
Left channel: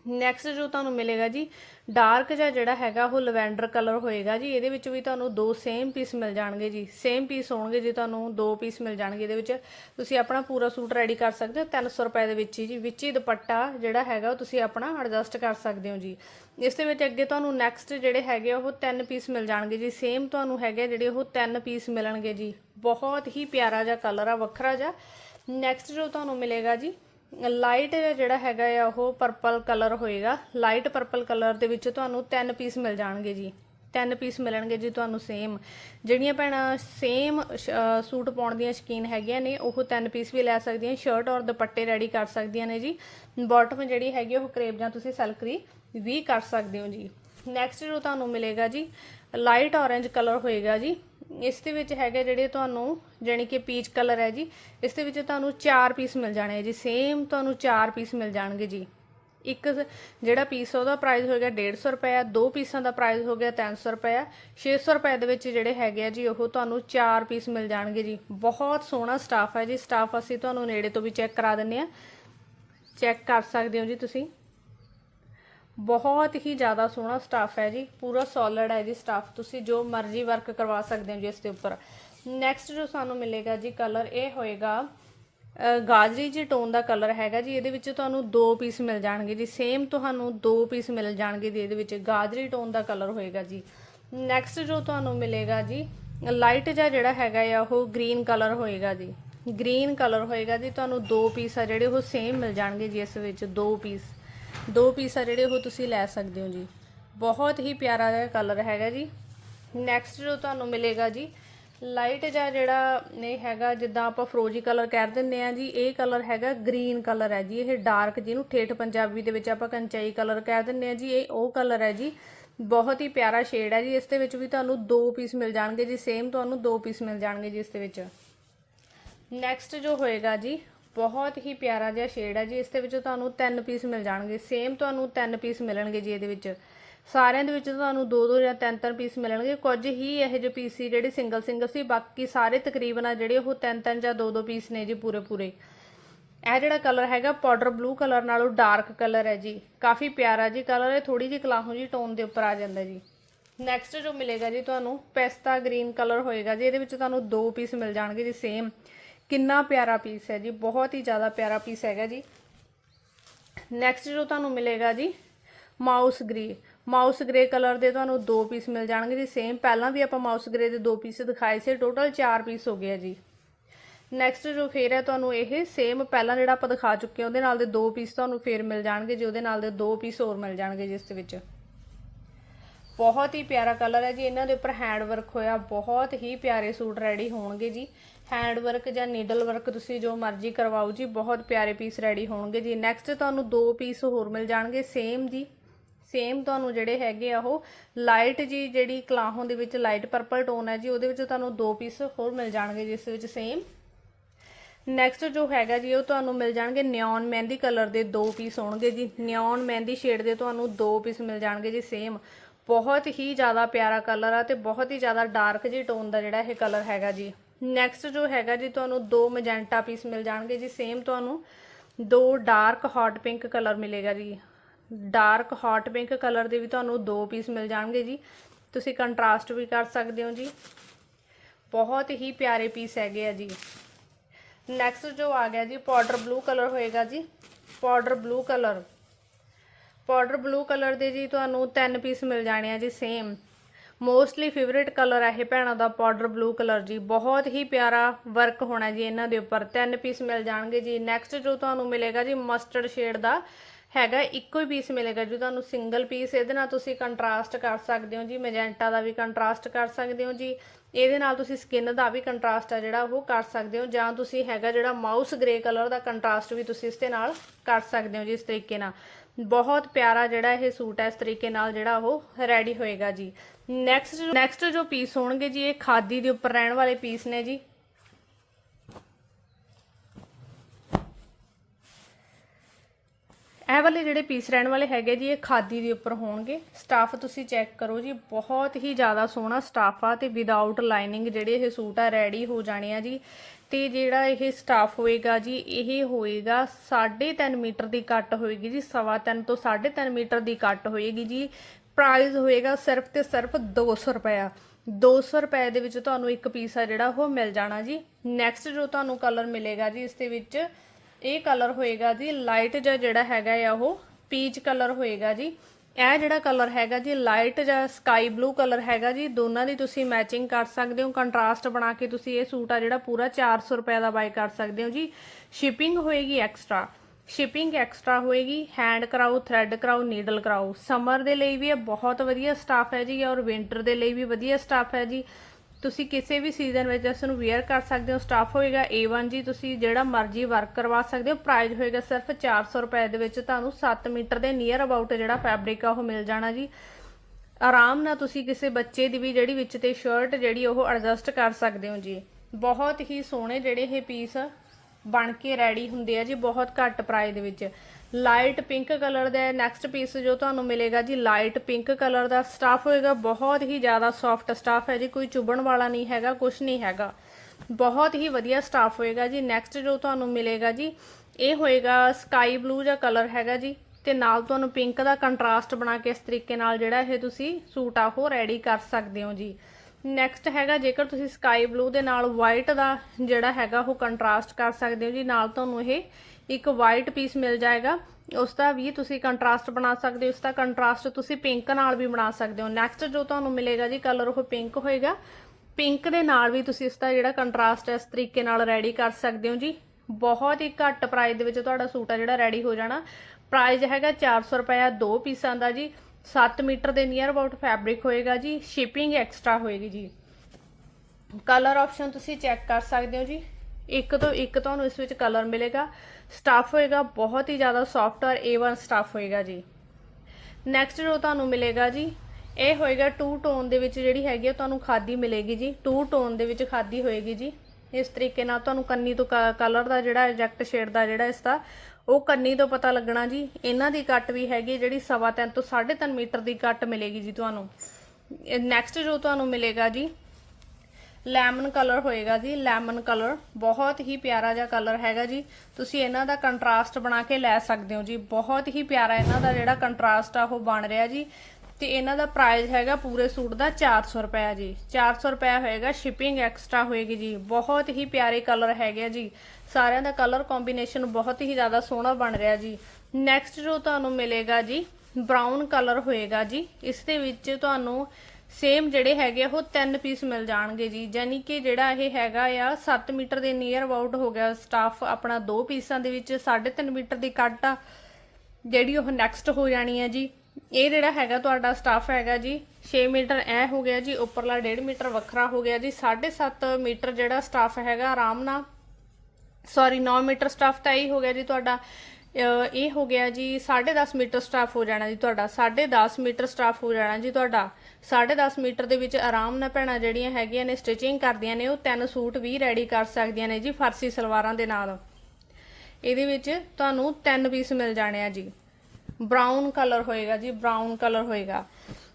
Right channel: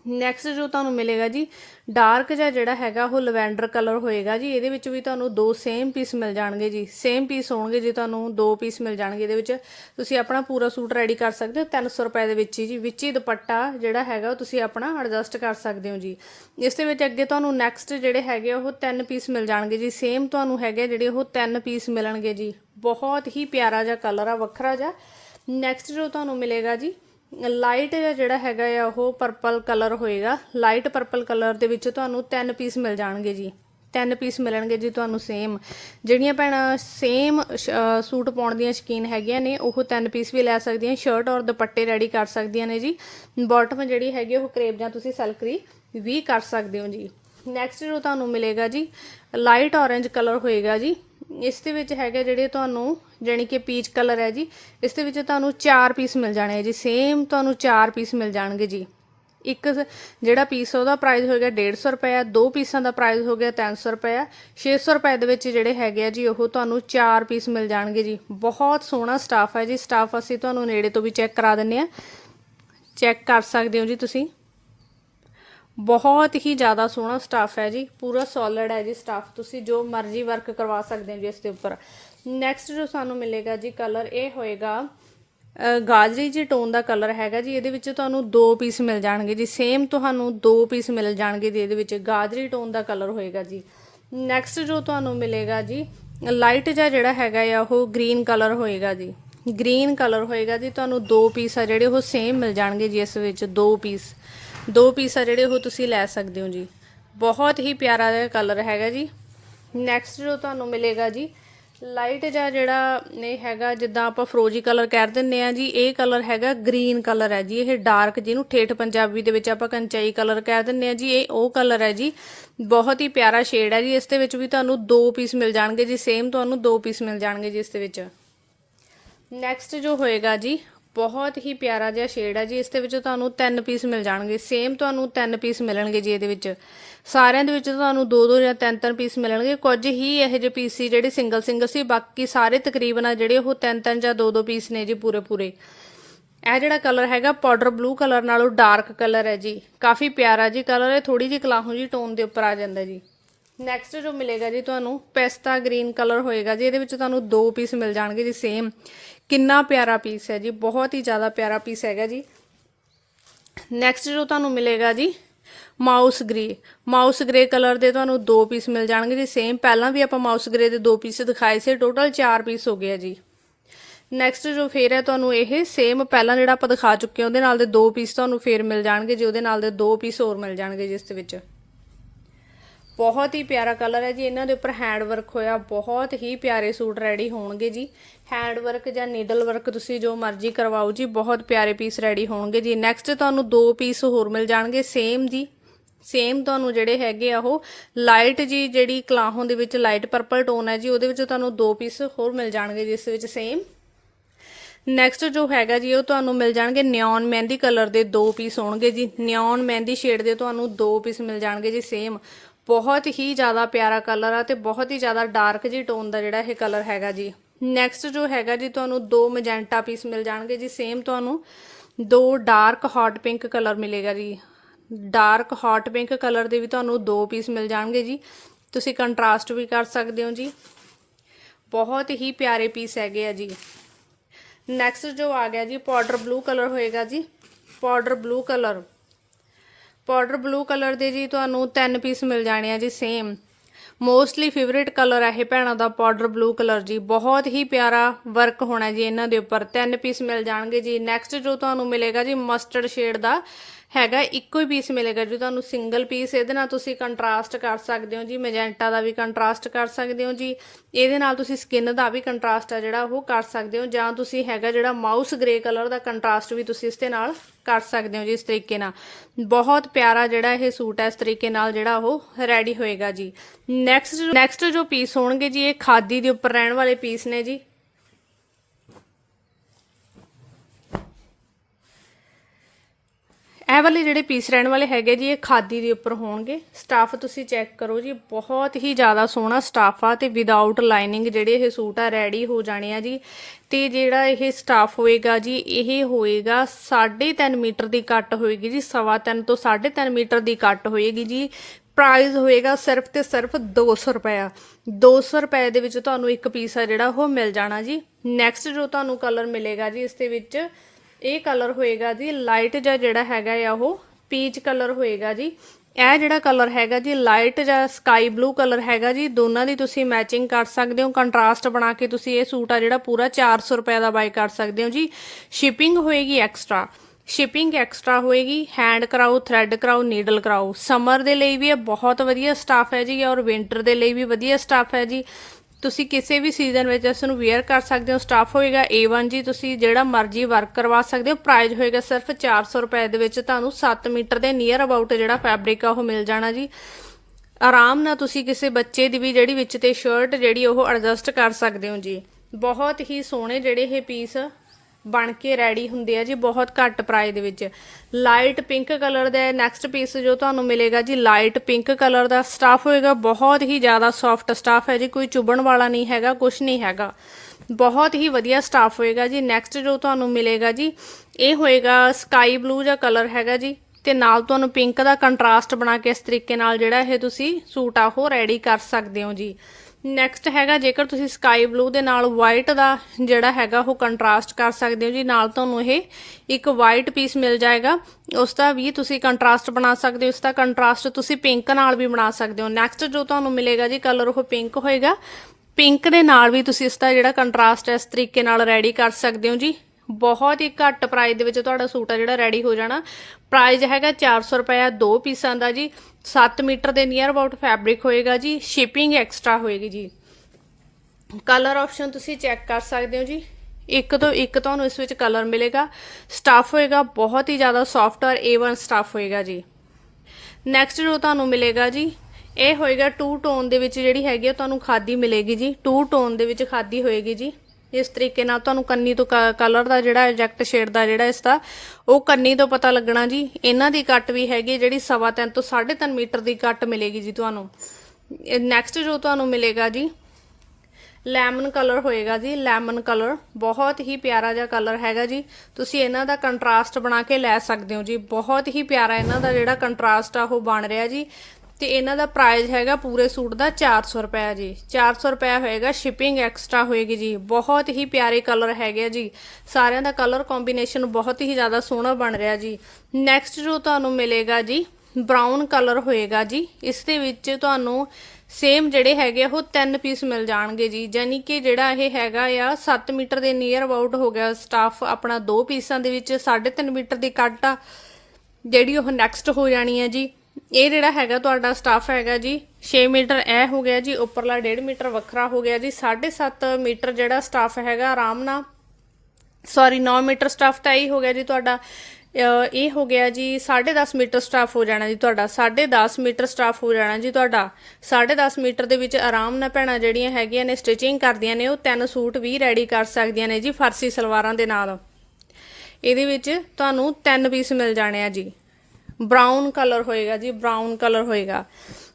ਨੈਕਸਟ ਜੋ ਤੁਹਾਨੂੰ ਮਿਲੇਗਾ ਜੀ ਡਾਰਕ ਜਿਹਾ ਜਿਹੜਾ ਹੈਗਾ, ਉਹ ਲਵੈਂਡਰ ਕਲਰ ਹੋਏਗਾ ਜੀ। ਇਹਦੇ ਵਿੱਚ ਵੀ ਤੁਹਾਨੂੰ ਦੋ ਸੇਮ ਪੀਸ ਮਿਲ ਜਾਣਗੇ ਜੀ। ਸੇਮ ਪੀਸ ਹੋਣਗੇ ਜੀ ਤੁਹਾਨੂੰ ਦੋ ਪੀਸ ਮਿਲ ਜਾਣਗੇ ਇਹਦੇ ਵਿੱਚ। ਤੁਸੀਂ ਆਪਣਾ ਪੂਰਾ ਸੂਟ ਰੈਡੀ ਕਰ ਸਕਦੇ ਹੋ 300 ਰੁਪਏ ਦੇ ਵਿੱਚ ਹੀ ਜੀ। ਵਿੱਚ ਹੀ ਦੁਪੱਟਾ ਜਿਹੜਾ ਹੈਗਾ, ਉਹ ਤੁਸੀਂ ਆਪਣਾ ਐਡਜਸਟ ਕਰ ਸਕਦੇ ਹੋ ਜੀ। ਇਸ ਦੇ ਵਿੱਚ ਅੱਗੇ ਤੁਹਾਨੂੰ ਨੈਕਸਟ ਜਿਹੜੇ ਹੈਗੇ ਉਹ ਤਿੰਨ ਪੀਸ ਮਿਲ ਜਾਣਗੇ ਜੀ। ਸੇਮ ਤੁਹਾਨੂੰ ਹੈਗੇ ਜਿਹੜੇ, ਉਹ ਤਿੰਨ ਪੀਸ ਮਿਲਣਗੇ ਜੀ। ਬਹੁਤ ਹੀ ਪਿਆਰਾ ਜਿਹਾ ਕਲਰ ਆ, ਵੱਖਰਾ ਜਿਹਾ। ਨੈਕਸਟ ਜੋ ਤੁਹਾਨੂੰ ਮਿਲੇਗਾ ਜੀ ਲਾਈਟ ਜਿਹੜਾ ਹੈਗਾ ਆ, ਉਹ ਪਰਪਲ ਕਲਰ ਹੋਏਗਾ। ਲਾਈਟ ਪਰਪਲ ਕਲਰ ਦੇ ਵਿੱਚ ਤੁਹਾਨੂੰ ਤਿੰਨ ਪੀਸ ਮਿਲ ਜਾਣਗੇ ਜੀ। ਤਿੰਨ ਪੀਸ ਮਿਲਣਗੇ ਜੀ ਤੁਹਾਨੂੰ ਸੇਮ ਜਿਹੜੀਆਂ ਭੈਣਾਂ ਸੇਮ ਸੂਟ ਪਾਉਣ ਦੀਆਂ ਸ਼ਕੀਨ ਹੈਗੀਆਂ ਨੇ, ਉਹ ਤਿੰਨ ਪੀਸ ਵੀ ਲੈ ਸਕਦੀਆਂ ਸ਼ਰਟ ਔਰ ਦੁਪੱਟੇ ਰੈਡੀ ਕਰ ਸਕਦੀਆਂ ਨੇ ਜੀ। ਬਾਟਮ ਜਿਹੜੀ ਹੈਗੀ ਉਹ ਕਰੇਬ ਜਾਂ ਤੁਸੀਂ ਸਲਕਰੀ ਵੀ ਕਰ ਸਕਦੇ ਹੋ ਜੀ। ਨੈਕਸਟ ਜੋ ਤੁਹਾਨੂੰ ਮਿਲੇਗਾ ਜੀ ਲਾਈਟ ਔਰੇਂਜ ਕਲਰ ਹੋਏਗਾ ਜੀ। ਇਸ ਦੇ ਵਿੱਚ ਹੈਗੇ ਜਿਹੜੇ ਤੁਹਾਨੂੰ, ਜਾਣੀ ਕਿ ਪੀਚ ਕਲਰ ਹੈ ਜੀ, ਇਸ ਦੇ ਵਿੱਚ ਤੁਹਾਨੂੰ 4 ਪੀਸ ਮਿਲ ਜਾਣੇ ਹੈ ਜੀ ਸੇਮ ਤੁਹਾਨੂੰ 4 ਪੀਸ ਮਿਲ ਜਾਣਗੇ ਜੀ। ਇੱਕ ਜਿਹੜਾ ਪੀਸ ਉਹਦਾ ਪ੍ਰਾਈਸ ਹੋਏਗਾ 150 ਰੁਪਏ ਦੋ ਪੀਸਾਂ ਦਾ ਪ੍ਰਾਈਸ ਹੋ ਗਿਆ 300 ਰੁਪਏ 600 ਰੁਪਏ ਦੇ ਵਿੱਚ ਜਿਹੜੇ ਹੈਗੇ ਆ ਜੀ, ਉਹ ਤੁਹਾਨੂੰ 4 ਪੀਸ ਮਿਲ ਜਾਣਗੇ ਜੀ। ਬਹੁਤ ਸੋਹਣਾ ਸਟਾਫ ਹੈ ਜੀ ਸਟਾਫ ਅਸੀਂ ਤੁਹਾਨੂੰ ਨੇੜੇ ਤੋਂ ਵੀ ਚੈੱਕ ਕਰਾ ਦਿੰਨੇ ਆ ਚੈੱਕ ਕਰ ਸਕਦੇ ਹੋ ਜੀ ਤੁਸੀਂ। ਬਹੁਤ ਹੀ ਜ਼ਿਆਦਾ ਸੋਹਣਾ ਸਟਾਫ ਹੈ ਜੀ, ਪੂਰਾ ਸੋਲਿਡ ਹੈ ਜੀ ਸਟਾਫ ਤੁਸੀਂ ਜੋ ਮਰਜ਼ੀ ਵਰਕ ਕਰਵਾ ਸਕਦੇ ਹੋ ਜੀ ਇਸ ਦੇ ਉੱਪਰ। ਨੈਕਸਟ ਜੋ ਸਾਨੂੰ ਮਿਲੇਗਾ ਜੀ ਕਲਰ ਇਹ ਹੋਏਗਾ ਗਾਜਰੀ ਜੀ ਟੋਨ ਦਾ ਕਲਰ ਹੈਗਾ ਜੀ, ਇਹਦੇ ਵਿੱਚ ਤੁਹਾਨੂੰ ਦੋ ਪੀਸ ਮਿਲ ਜਾਣਗੇ ਜੀ ਸੇਮ ਤੁਹਾਨੂੰ ਦੋ ਪੀਸ ਮਿਲ ਜਾਣਗੇ ਜੀ ਇਹਦੇ ਵਿੱਚ, ਗਾਜਰੀ ਟੋਨ ਦਾ ਕਲਰ ਹੋਏਗਾ ਜੀ। ਨੈਕਸਟ ਜੋ ਤੁਹਾਨੂੰ ਮਿਲੇਗਾ ਜੀ ਲਾਈਟ ਜਿਹਾ ਜਿਹੜਾ ਹੈਗਾ ਆ, ਉਹ ਗ੍ਰੀਨ ਕਲਰ ਹੋਏਗਾ ਜੀ। ਗ੍ਰੀਨ ਕਲਰ ਹੋਏਗਾ ਜੀ, ਤੁਹਾਨੂੰ ਦੋ ਪੀਸ ਆ ਜਿਹੜੇ, ਉਹ ਸੇਮ ਮਿਲ ਜਾਣਗੇ ਜੀ ਇਸ ਵਿੱਚ, ਦੋ ਪੀਸ ਦੋ ਪੀਸ ਆ ਜਿਹੜੇ ਉਹ ਤੁਸੀਂ ਲੈ ਸਕਦੇ ਹੋ ਜੀ। ਬਹੁਤ ਹੀ ਪਿਆਰਾ ਜਿਹਾ ਕਲਰ ਹੈਗਾ ਜੀ। ਨੈਕਸਟ ਜੋ ਤੁਹਾਨੂੰ ਮਿਲੇਗਾ ਜੀ ਲਾਈਟ ਜਿਹਾ ਜਿਹੜਾ ਇਹ ਹੈਗਾ, ਜਿੱਦਾਂ ਆਪਾਂ ਫਰੋਜੀ ਕਲਰ ਕਹਿ ਦਿੰਦੇ ਆ ਜੀ, ਇਹ ਕਲਰ ਹੈਗਾ ਗ੍ਰੀਨ ਕਲਰ ਹੈ ਜੀ। ਇਹ ਡਾਰਕ ਜਿਹਨੂੰ ਠੇਠ ਪੰਜਾਬੀ ਦੇ ਵਿੱਚ ਆਪਾਂ ਕੰਚਾਈ ਕਲਰ ਕਹਿ ਦਿੰਦੇ ਆ ਜੀ। ਇਹ ਉਹ ਕਲਰ ਹੈ ਜੀ। ਬਹੁਤ ਹੀ ਪਿਆਰਾ ਸ਼ੇਡ ਹੈ ਜੀ। ਇਸ ਦੇ ਵਿੱਚ ਵੀ ਤੁਹਾਨੂੰ ਦੋ ਪੀਸ ਮਿਲ ਜਾਣਗੇ ਜੀ। ਸੇਮ ਤੁਹਾਨੂੰ ਦੋ ਪੀਸ ਮਿਲ ਜਾਣਗੇ ਜੀ ਇਸ ਦੇ ਵਿੱਚ। ਨੈਕਸਟ ਜੋ ਹੋਏਗਾ ਜੀ ਬਹੁਤ ਹੀ ਪਿਆਰਾ ਜਿਹਾ ਸ਼ੇਡ ਹੈ ਜੀ। ਇਸ ਦੇ ਵਿੱਚ ਤੁਹਾਨੂੰ ਤਿੰਨ ਪੀਸ ਮਿਲ ਜਾਣਗੇ। ਸੇਮ ਤੁਹਾਨੂੰ ਤਿੰਨ ਪੀਸ ਮਿਲਣਗੇ ਜੀ ਇਹਦੇ ਵਿੱਚ। ਸਾਰਿਆਂ ਦੇ ਵਿੱਚ ਤੁਹਾਨੂੰ ਦੋ ਦੋ ਜਾਂ ਤਿੰਨ ਤਿੰਨ ਪੀਸ ਮਿਲਣਗੇ। ਕੁਝ ਹੀ ਇਹੋ ਜਿਹੇ ਪੀਸ ਸੀ ਜਿਹੜੇ ਸਿੰਗਲ ਸਿੰਗਲ ਸੀ। ਬਾਕੀ ਸਾਰੇ ਤਕਰੀਬਨ ਆ ਜਿਹੜੇ ਉਹ ਤਿੰਨ ਤਿੰਨ ਜਾਂ ਦੋ ਦੋ ਪੀਸ ਨੇ ਜੀ ਪੂਰੇ ਪੂਰੇ। ਇਹ ਜਿਹੜਾ ਕਲਰ ਹੈਗਾ ਪਾਊਡਰ ਬਲੂ ਕਲਰ ਨਾਲੋਂ ਡਾਰਕ ਕਲਰ ਹੈ ਜੀ। ਕਾਫੀ ਪਿਆਰਾ ਜੀ ਕਲਰ ਹੈ। ਥੋੜੀ ਜਿਹੀ ਕਲਾਹੂ ਜੀ ਟੋਨ ਦੇ ਉੱਪਰ ਆ ਜਾਂਦਾ ਜੀ। ਨੈਕਸਟ ਜੋ ਮਿਲੇਗਾ ਜੀ ਤੁਹਾਨੂੰ ਪੈਸਤਾ ਗ੍ਰੀਨ ਕਲਰ ਹੋਏਗਾ ਜੀ। ਇਹਦੇ ਵਿੱਚ ਤੁਹਾਨੂੰ ਦੋ ਪੀਸ ਮਿਲ ਜਾਣਗੇ ਜੀ ਸੇਮ ਕਿੰਨਾ ਪਿਆਰਾ ਪੀਸ ਹੈ ਜੀ, ਬਹੁਤ ਹੀ ਜ਼ਿਆਦਾ ਪਿਆਰਾ ਪੀਸ ਹੈਗਾ ਜੀ। ਨੈਕਸਟ ਜੋ ਤੁਹਾਨੂੰ ਮਿਲੇਗਾ ਜੀ mouse grey mouse grey colour ਦੇ ਤੁਹਾਨੂੰ ਦੋ ਪੀਸ ਮਿਲ ਜਾਣਗੇ ਜੀ ਸੇਮ ਪਹਿਲਾਂ ਵੀ ਆਪਾਂ ਮਾਊਸ ਗ੍ਰੇ ਦੇ ਦੋ ਪੀਸ ਦਿਖਾਏ ਸੀ ਟੋਟਲ 4 ਪੀਸ ਹੋ ਗਏ ਆ ਜੀ। ਨੈਕਸਟ ਜੋ ਫੇਰ ਹੈ ਤੁਹਾਨੂੰ ਇਹ ਸੇਮ ਪਹਿਲਾਂ ਜਿਹੜਾ ਆਪਾਂ ਦਿਖਾ ਚੁੱਕੇ ਹਾਂ, ਉਹਦੇ ਨਾਲ ਦੇ ਦੋ ਪੀਸ ਤੁਹਾਨੂੰ ਫੇਰ ਮਿਲ ਜਾਣਗੇ ਜੀ, ਉਹਦੇ ਨਾਲ ਦੇ ਦੋ ਪੀਸ ਹੋਰ ਮਿਲ ਜਾਣਗੇ ਜਿਸ ਦੇ ਵਿੱਚ। ਬਹੁਤ ਹੀ ਪਿਆਰਾ ਕਲਰ ਹੈ ਜੀ। ਇਹਨਾਂ ਦੇ ਉੱਪਰ ਹੈਂਡ ਵਰਕ ਹੋਇਆ, ਬਹੁਤ ਹੀ ਪਿਆਰੇ ਸੂਟ ਰੈਡੀ ਹੋਣਗੇ ਜੀ। ਹੈਂਡ ਵਰਕ ਜਾਂ ਨੀਡਲ ਵਰਕ ਤੁਸੀਂ ਜੋ ਮਰਜ਼ੀ ਕਰਵਾਓ ਜੀ, ਬਹੁਤ ਪਿਆਰੇ ਪੀਸ ਰੈਡੀ ਹੋਣਗੇ ਜੀ। ਨੈਕਸਟ ਤੁਹਾਨੂੰ ਦੋ ਪੀਸ ਹੋਰ ਮਿਲ ਜਾਣਗੇ ਸੇਮ ਜੀ। ਸੇਮ ਤੁਹਾਨੂੰ ਜਿਹੜੇ ਹੈਗੇ ਆ ਉਹ ਲਾਈਟ ਜੀ, ਜਿਹੜੀ ਕਲਾਹੋਂ ਦੇ ਵਿੱਚ ਲਾਈਟ ਪਰਪਲ ਟੋਨ ਹੈ ਜੀ, ਉਹਦੇ ਵਿੱਚ ਤੁਹਾਨੂੰ ਦੋ ਪੀਸ ਹੋਰ ਮਿਲ ਜਾਣਗੇ ਜਿਸ ਵਿੱਚ ਸੇਮ ਨੈਕਸਟ ਜੋ ਹੈਗਾ ਜੀ, ਉਹ ਤੁਹਾਨੂੰ ਮਿਲ ਜਾਣਗੇ ਨਿਓਨ ਮਹਿੰਦੀ ਕਲਰ ਦੇ ਦੋ ਪੀਸ ਹੋਣਗੇ ਜੀ। ਨਿਓਨ ਮਹਿੰਦੀ ਸ਼ੇਡ ਦੇ ਤੁਹਾਨੂੰ ਦੋ ਪੀਸ ਮਿਲ ਜਾਣਗੇ ਜੀ ਸੇਮ ਬਹੁਤ ਹੀ ਜ਼ਿਆਦਾ ਪਿਆਰਾ ਕਲਰ ਆ ਤੇ ਬਹੁਤ ਹੀ ਜ਼ਿਆਦਾ ਡਾਰਕ ਜੀ ਟੋਨ ਦਾ ਜਿਹੜਾ ਇਹ ਕਲਰ ਹੈਗਾ ਜੀ। ਨੈਕਸਟ ਜੋ ਹੈਗਾ ਜੀ, ਤੁਹਾਨੂੰ ਦੋ ਮੈਜੈਂਟਾ ਪੀਸ ਮਿਲ ਜਾਣਗੇ ਜੀ। ਸੇਮ ਤੁਹਾਨੂੰ ਦੋ ਡਾਰਕ ਹੌਟ ਪਿੰਕ ਕਲਰ ਮਿਲੇਗਾ ਜੀ। ਡਾਰਕ ਹੌਟ ਪਿੰਕ ਕਲਰ ਦੇ ਵੀ ਤੁਹਾਨੂੰ ਦੋ ਪੀਸ ਮਿਲ ਜਾਣਗੇ ਜੀ। ਤੁਸੀਂ ਕੰਟਰਾਸਟ ਵੀ ਕਰ ਸਕਦੇ ਹੋ ਜੀ। ਬਹੁਤ ਹੀ ਪਿਆਰੇ ਪੀਸ ਹੈਗੇ ਆ ਜੀ। ਨੈਕਸਟ ਜੋ ਆ ਗਿਆ ਜੀ ਪਾਊਡਰ ਬਲੂ ਕਲਰ ਹੋਏਗਾ ਜੀ। Powder blue colour powder blue colour ਦੇ ਜੀ ਤੁਹਾਨੂੰ ਤਿੰਨ ਪੀਸ ਮਿਲ ਜਾਣੇ ਆ ਜੀ ਸੇਮ ਮੋਸਟਲੀ ਫੇਵਰਿਟ ਕਲਰ ਹੈ ਇਹ ਭੈਣਾਂ ਦਾ ਪਾਊਡਰ ਬਲੂ ਕਲਰ ਜੀ। ਬਹੁਤ ਹੀ ਪਿਆਰਾ ਵਰਕ ਹੋਣਾ ਜੀ ਇਹਨਾਂ ਦੇ ਉੱਪਰ। ਤਿੰਨ ਪੀਸ ਮਿਲ ਜਾਣਗੇ ਜੀ। ਨੈਕਸਟ ਜੋ ਤੁਹਾਨੂੰ ਮਿਲੇਗਾ ਜੀ ਮਸਟਰਡ ਸ਼ੇਡ ਦਾ ਹੈਗਾ, ਇੱਕੋ ਹੀ ਪੀਸ ਮਿਲੇਗਾ ਜੀ ਤੁਹਾਨੂੰ ਸਿੰਗਲ ਪੀਸ ਇਹਦੇ ਨਾਲ ਤੁਸੀਂ ਕੰਟਰਾਸਟ ਕਰ ਸਕਦੇ ਹੋ ਜੀ ਮੈਜੈਂਟਾ ਦਾ ਵੀ ਕੰਟਰਾਸਟ ਕਰ ਸਕਦੇ ਹੋ ਜੀ, ਇਹਦੇ ਨਾਲ ਤੁਸੀਂ ਸਕਿਨ ਦਾ ਵੀ ਕੰਟਰਾਸਟ ਆ ਜਿਹੜਾ ਉਹ ਕਰ ਸਕਦੇ ਹੋ, ਜਾਂ ਤੁਸੀਂ ਹੈਗਾ ਜਿਹੜਾ ਮਾਊਸ ਗ੍ਰੇ ਕਲਰ ਦਾ ਕੰਟਰਾਸਟ ਵੀ ਤੁਸੀਂ ਇਸ ਦੇ ਨਾਲ ਕਰ ਸਕਦੇ ਹੋ ਜੀ, ਇਸ ਤਰੀਕੇ ਨਾਲ। ਬਹੁਤ ਪਿਆਰਾ ਜਿਹੜਾ ਇਹ ਸੂਟ ਹੈ, ਇਸ ਤਰੀਕੇ ਨਾਲ ਜਿਹੜਾ ਉਹ ਰੈਡੀ ਹੋਏਗਾ ਜੀ। ਨੈਕਸਟ ਨੈਕਸਟ ਜੋ ਪੀਸ ਹੋਣਗੇ ਜੀ, ਇਹ ਖਾਦੀ ਦੇ ਉੱਪਰ ਰਹਿਣ ਵਾਲੇ ਪੀਸ ਨੇ ਜੀ। ਇਹ ਵਾਲੇ ਜਿਹੜੇ ਪੀਸ ਰਹਿਣ ਵਾਲੇ ਹੈਗੇ ਜੀ, ਇਹ ਖਾਦੀ ਦੇ ਉੱਪਰ ਹੋਣਗੇ। ਸਟਾਫ ਤੁਸੀਂ ਚੈੱਕ ਕਰੋ ਜੀ, ਬਹੁਤ ਹੀ ਜ਼ਿਆਦਾ ਸੋਹਣਾ ਸਟਾਫ ਆ ਤੇ ਵਿਦਆਊਟ ਲਾਈਨਿੰਗ ਜਿਹੜੇ ਇਹ ਸੂਟ ਆ ਰੈਡੀ ਹੋ ਜਾਣੇ ਆ ਜੀ। ਤੇ ਜਿਹੜਾ ਇਹ ਸਟਾਫ ਹੋਏਗਾ ਜੀ, ਇਹ ਹੋਏਗਾ 3.5 ਮੀਟਰ ਦੀ ਕੱਟ ਹੋਏਗੀ ਜੀ 3.5 ਤੋਂ 3.5 ਮੀਟਰ ਦੀ ਕੱਟ ਹੋਏਗੀ ਜੀ। ਪ੍ਰਾਈਸ ਹੋਏਗਾ ਸਿਰਫ ਤੇ ਸਿਰਫ 200 ਰੁਪਏ। 200 ਰੁਪਏ ਦੇ ਵਿੱਚ ਤੁਹਾਨੂੰ ਇੱਕ ਪੀਸ ਆ ਜਿਹੜਾ ਉਹ ਮਿਲ ਜਾਣਾ ਜੀ। ਨੈਕਸਟ ਜੋ ਤੁਹਾਨੂੰ ਕਲਰ ਮਿਲੇਗਾ ਜੀ, ਇਸ ਦੇ ਵਿੱਚ ਇਹ ਕਲਰ ਹੋਏਗਾ ਜੀ ਲਾਈਟ ਜਾਂ ਜਿਹੜਾ ਹੈਗਾ ਆ ਉਹ ਪੀਚ ਕਲਰ ਹੋਏਗਾ ਜੀ। ਇਹ ਜਿਹੜਾ ਕਲਰ ਹੈਗਾ ਜੀ ਲਾਈਟ ਜਾਂ ਸਕਾਈ ਬਲੂ ਕਲਰ ਹੈਗਾ ਜੀ, ਦੋਨਾਂ ਦੀ ਤੁਸੀਂ ਮੈਚਿੰਗ ਕਰ ਸਕਦੇ ਹੋ। ਕੰਟਰਾਸਟ ਬਣਾ ਕੇ ਤੁਸੀਂ ਇਹ ਸੂਟ ਆ ਜਿਹੜਾ ਪੂਰਾ 400 ਰੁਪਏ ਦਾ ਬਾਈ ਕਰ ਸਕਦੇ ਹੋ ਜੀ। ਸ਼ਿਪਿੰਗ ਹੋਏਗੀ ਐਕਸਟਰਾ ਸ਼ਿਪਿੰਗ ਐਕਸਟਰਾ ਹੋਏਗੀ ਹੈਂਡ ਕਰਾਓ ਥ੍ਰੈਡ ਕਰਾਓ ਨੀਡਲ ਕਰਾਓ। ਸਮਰ ਦੇ ਲਈ ਵੀ ਇਹ ਬਹੁਤ ਵਧੀਆ ਸਟਾਫ ਹੈ ਜੀ ਔਰ ਵਿੰਟਰ ਦੇ ਲਈ ਵੀ ਵਧੀਆ ਸਟਾਫ ਹੈ ਜੀ। ਤੁਸੀਂ ਕਿਸੇ ਵੀ ਸੀਜ਼ਨ ਵਿੱਚ ਇਸ ਨੂੰ ਵੇਅਰ ਕਰ ਸਕਦੇ ਹੋ ਸਟਾਫ ਹੋਏਗਾ A1 ਜੀ, ਤੁਸੀਂ ਜਿਹੜਾ ਮਰਜ਼ੀ ਵਰਕ ਕਰਵਾ ਸਕਦੇ ਹੋ ਪ੍ਰਾਈਸ ਹੋਏਗਾ ਸਿਰਫ 400 ਰੁਪਏ ਦੇ ਵਿੱਚ, ਤੁਹਾਨੂੰ 7 ਮੀਟਰ ਦੇ ਨੀਅਰ ਅਬਾਊਟ ਜਿਹੜਾ ਫੈਬਰਿਕ ਆ ਉਹ ਮਿਲ ਜਾਣਾ ਜੀ। ਆਰਾਮ ਨਾਲ ਤੁਸੀਂ ਕਿਸੇ ਬੱਚੇ ਦੀ ਵੀ ਜਿਹੜੀ ਵਿੱਚ ਤੇ ਸ਼ਰਟ ਜਿਹੜੀ ਉਹ ਐਡਜਸਟ ਕਰ ਸਕਦੇ ਹੋ ਜੀ। ਬਹੁਤ ਹੀ ਸੋਹਣੇ ਜਿਹੜੇ ਇਹ ਪੀਸ ਬਣ ਕੇ ਰੈਡੀ ਹੁੰਦੇ ਆ ਜੀ ਬਹੁਤ ਘੱਟ ਪ੍ਰਾਈਸ ਦੇ ਵਿੱਚ। ਲਾਈਟ ਪਿੰਕ ਕਲਰ ਦੇ ਨੈਕਸਟ ਪੀਸ ਜੋ ਤੁਹਾਨੂੰ ਮਿਲੇਗਾ ਜੀ ਲਾਈਟ ਪਿੰਕ ਕਲਰ ਦਾ ਸਟਾਫ ਹੋਏਗਾ, ਬਹੁਤ ਹੀ ਜ਼ਿਆਦਾ ਸੌਫਟ ਸਟਾਫ ਹੈ ਜੀ, ਕੋਈ ਚੁਭਣ ਵਾਲਾ ਨਹੀਂ ਹੈਗਾ ਕੁਝ ਨਹੀਂ ਹੈਗਾ। ਬਹੁਤ ਹੀ ਵਧੀਆ ਸਟਾਫ ਹੋਏਗਾ ਜੀ। ਨੈਕਸਟ ਜੋ ਤੁਹਾਨੂੰ ਮਿਲੇਗਾ ਜੀ, ਇਹ ਹੋਏਗਾ ਸਕਾਈ ਬਲੂ ਜਾਂ ਕਲਰ ਹੈਗਾ ਜੀ, ਤੇ ਨਾਲ ਤੁਹਾਨੂੰ ਪਿੰਕ ਦਾ ਕੰਟਰਾਸਟ ਬਣਾ ਕੇ ਇਸ ਤਰੀਕੇ ਨਾਲ ਜਿਹੜਾ ਇਹ ਤੁਸੀਂ ਸੂਟ ਆ ਉਹ ਰੈਡੀ ਕਰ ਸਕਦੇ ਹੋ ਜੀ। ਨੈਕਸਟ ਹੈਗਾ, ਜੇਕਰ ਤੁਸੀਂ ਸਕਾਈ ਬਲੂ ਦੇ ਨਾਲ ਵਾਈਟ ਦਾ ਜਿਹੜਾ ਹੈਗਾ, ਉਹ ਕੰਟਰਾਸਟ ਕਰ ਸਕਦੇ ਹੋ ਜੀ, ਨਾਲ ਤੁਹਾਨੂੰ ਇਹ ਇੱਕ ਵਾਈਟ ਪੀਸ ਮਿਲ ਜਾਏਗਾ। ਉਸ ਦਾ ਵੀ ਤੁਸੀਂ ਕੰਟਰਾਸਟ ਬਣਾ ਸਕਦੇ ਹੋ ਉਸ ਦਾ ਕੰਟਰਾਸਟ ਤੁਸੀਂ ਪਿੰਕ ਨਾਲ ਵੀ ਬਣਾ ਸਕਦੇ ਹੋ। ਨੈਕਸਟ ਜੋ ਤੁਹਾਨੂੰ ਮਿਲੇਗਾ ਜੀ ਕਲਰ ਉਹ ਪਿੰਕ ਹੋਏਗਾ। ਪਿੰਕ ਦੇ ਨਾਲ ਵੀ ਤੁਸੀਂ ਇਸ ਦਾ ਜਿਹੜਾ ਕੰਟਰਾਸਟ ਇਸ ਤਰੀਕੇ ਨਾਲ ਰੈਡੀ ਕਰ ਸਕਦੇ ਹੋ ਜੀ। ਬਹੁਤ ਹੀ ਘੱਟ ਪ੍ਰਾਈਸ ਦੇ ਵਿੱਚ ਤੁਹਾਡਾ ਸੂਟ ਆ ਜਿਹੜਾ ਰੈਡੀ ਹੋ ਜਾਣਾ। ਪ੍ਰਾਈਸ ਹੈਗਾ 400 ਰੁਪਏ ਦੋ ਪੀਸਾਂ ਦਾ ਜੀ। 7 ਮੀਟਰ ਦੇ ਨੀਅਰ ਅਬਾਊਟ ਫੈਬਰਿਕ ਹੋਏਗਾ ਜੀ ਸ਼ਿਪਿੰਗ ਐਕਸਟਰਾ ਹੋਏਗੀ ਜੀ। ਕਲਰ ਆਪਸ਼ਨ ਤੁਸੀਂ ਚੈੱਕ ਕਰ ਸਕਦੇ ਹੋ ਜੀ। ਇੱਕ ਤੋਂ ਇੱਕ ਤੁਹਾਨੂੰ ਇਸ ਵਿੱਚ ਕਲਰ ਮਿਲੇਗਾ। ਸਟਾਫ ਹੋਏਗਾ, ਬਹੁਤ ਹੀ ਜ਼ਿਆਦਾ ਸੌਫਟ ਔਰ A1 ਸਟਾਫ ਹੋਏਗਾ ਜੀ। ਨੈਕਸਟ ਜੋ ਤੁਹਾਨੂੰ ਮਿਲੇਗਾ ਜੀ, ਇਹ ਹੋਏਗਾ ਟੂ ਟੋਨ ਦੇ ਵਿੱਚ ਜਿਹੜੀ ਹੈਗੀ ਆ, ਤੁਹਾਨੂੰ ਖਾਦੀ ਮਿਲੇਗੀ ਜੀ। ਟੂ ਟੋਨ ਦੇ ਵਿੱਚ ਖਾਦੀ ਹੋਏਗੀ ਜੀ। ਇਸ ਤਰੀਕੇ ਨਾਲ ਤੁਹਾਨੂੰ ਕੰਨੀ ਤੋਂ ਕਲਰ ਦਾ ਜਿਹੜਾ ਐਜੈਕਟ ਸ਼ੇਡ ਦਾ ਜਿਹੜਾ ਇਸ ਦਾ ਉਹ ਕੰਨੀ ਤੋਂ ਪਤਾ ਲੱਗਣਾ ਜੀ। ਇਹਨਾਂ ਦੀ ਕੱਟ ਵੀ ਹੈਗੀ ਜਿਹੜੀ 3.5 ਤੋਂ 3.5 ਮੀਟਰ ਦੀ ਕੱਟ ਮਿਲੇਗੀ ਜੀ ਤੁਹਾਨੂੰ। ਨੈਕਸਟ ਜੋ ਤੁਹਾਨੂੰ ਮਿਲੇਗਾ ਜੀ ਲੈਮਨ ਕਲਰ ਹੋਏਗਾ ਜੀ। ਲੈਮਨ ਕਲਰ ਬਹੁਤ ਹੀ ਪਿਆਰਾ ਜਿਹਾ ਕਲਰ ਹੈਗਾ ਜੀ। ਤੁਸੀਂ ਇਹਨਾਂ ਦਾ ਕੰਟਰਾਸਟ ਬਣਾ ਕੇ ਲੈ ਸਕਦੇ ਹੋ ਜੀ। ਬਹੁਤ ਹੀ ਪਿਆਰਾ ਇਹਨਾਂ ਦਾ ਜਿਹੜਾ ਕੰਟਰਾਸਟ ਆ, ਉਹ ਬਣ ਰਿਹਾ ਜੀ। ਤੇ ਇਹਨਾਂ ਦਾ ਪ੍ਰਾਈਸ ਹੈਗਾ ਪੂਰੇ ਸੂਟ ਦਾ 400 ਰੁਪਏ ਜੀ। 400 ਰੁਪਏ ਹੋਏਗਾ ਸ਼ਿਪਿੰਗ ਐਕਸਟਰਾ ਹੋਏਗੀ ਜੀ। ਬਹੁਤ ਹੀ ਪਿਆਰੇ ਕਲਰ ਹੈਗੇ ਆ ਜੀ। ਸਾਰਿਆਂ ਦਾ ਕਲਰ ਕੰਬੀਨੇਸ਼ਨ ਬਹੁਤ ਹੀ ਜ਼ਿਆਦਾ ਸੋਹਣਾ ਬਣ ਰਿਹਾ ਜੀ। ਨੈਕਸਟ ਜੋ ਤੁਹਾਨੂੰ ਮਿਲੇਗਾ ਜੀ ਬ੍ਰਾਊਨ ਕਲਰ ਹੋਏਗਾ ਜੀ। ਇਸ ਦੇ ਵਿੱਚ ਤੁਹਾਨੂੰ ਸੇਮ ਜਿਹੜੇ ਹੈਗੇ ਆ, ਉਹ ਤਿੰਨ ਪੀਸ ਮਿਲ ਜਾਣਗੇ ਜੀ। ਯਾਨੀ ਕਿ ਜਿਹੜਾ ਇਹ ਹੈਗਾ ਆ 7 ਮੀਟਰ ਦੇ ਨੀਅਰ ਅਬਾਊਟ ਹੋ ਗਿਆ ਸਟਾਫ ਆਪਣਾ ਦੋ ਪੀਸਾਂ ਦੇ ਵਿੱਚ 3.5 ਮੀਟਰ ਦੀ ਕੱਟ ਆ, ਜਿਹੜੀ ਉਹ ਨੈਕਸਟ ਹੋ ਜਾਣੀ ਹੈ ਜੀ। ਇਹ ਜਿਹੜਾ ਹੈਗਾ ਤੁਹਾਡਾ ਸਟਾਫ ਹੈਗਾ ਜੀ 6 ਮੀਟਰ ਇਹ ਹੋ ਗਿਆ ਜੀ, ਉੱਪਰਲਾ 1.5 ਮੀਟਰ ਵੱਖਰਾ ਹੋ ਗਿਆ ਜੀ 7.5 ਮੀਟਰ ਜਿਹੜਾ ਸਟਾਫ ਹੈਗਾ ਆਰਾਮ ਨਾਲ ਸੌਰੀ 9 ਮੀਟਰ ਸਟਾਫ ਤਾਂ ਇਹ ਹੋ ਗਿਆ ਜੀ ਤੁਹਾਡਾ ਇਹ ਹੋ ਗਿਆ ਜੀ 10.5 ਮੀਟਰ ਸਟਾਫ ਹੋ ਜਾਣਾ ਜੀ ਤੁਹਾਡਾ 10.5 ਮੀਟਰ ਸਟਾਫ ਹੋ ਜਾਣਾ ਜੀ ਤੁਹਾਡਾ 10.5 ਮੀਟਰ ਦੇ ਵਿੱਚ ਆਰਾਮ ਨਾਲ ਭੈਣਾਂ ਜਿਹੜੀਆਂ ਹੈਗੀਆਂ ਨੇ ਸਟਿਚਿੰਗ ਕਰਦੀਆਂ ਨੇ, ਉਹ ਤਿੰਨ ਸੂਟ ਵੀ ਰੈਡੀ ਕਰ ਸਕਦੀਆਂ ਨੇ ਜੀ ਫਰਸੀ ਸਲਵਾਰਾਂ ਦੇ ਨਾਲ। ਇਹਦੇ ਵਿੱਚ ਤੁਹਾਨੂੰ ਤਿੰਨ ਪੀਸ ਮਿਲ ਜਾਣੇ ਆ ਜੀ। ਬ੍ਰਾਊਨ ਕਲਰ ਹੋਏਗਾ ਜੀ ਬ੍ਰਾਊਨ ਕਲਰ ਹੋਏਗਾ।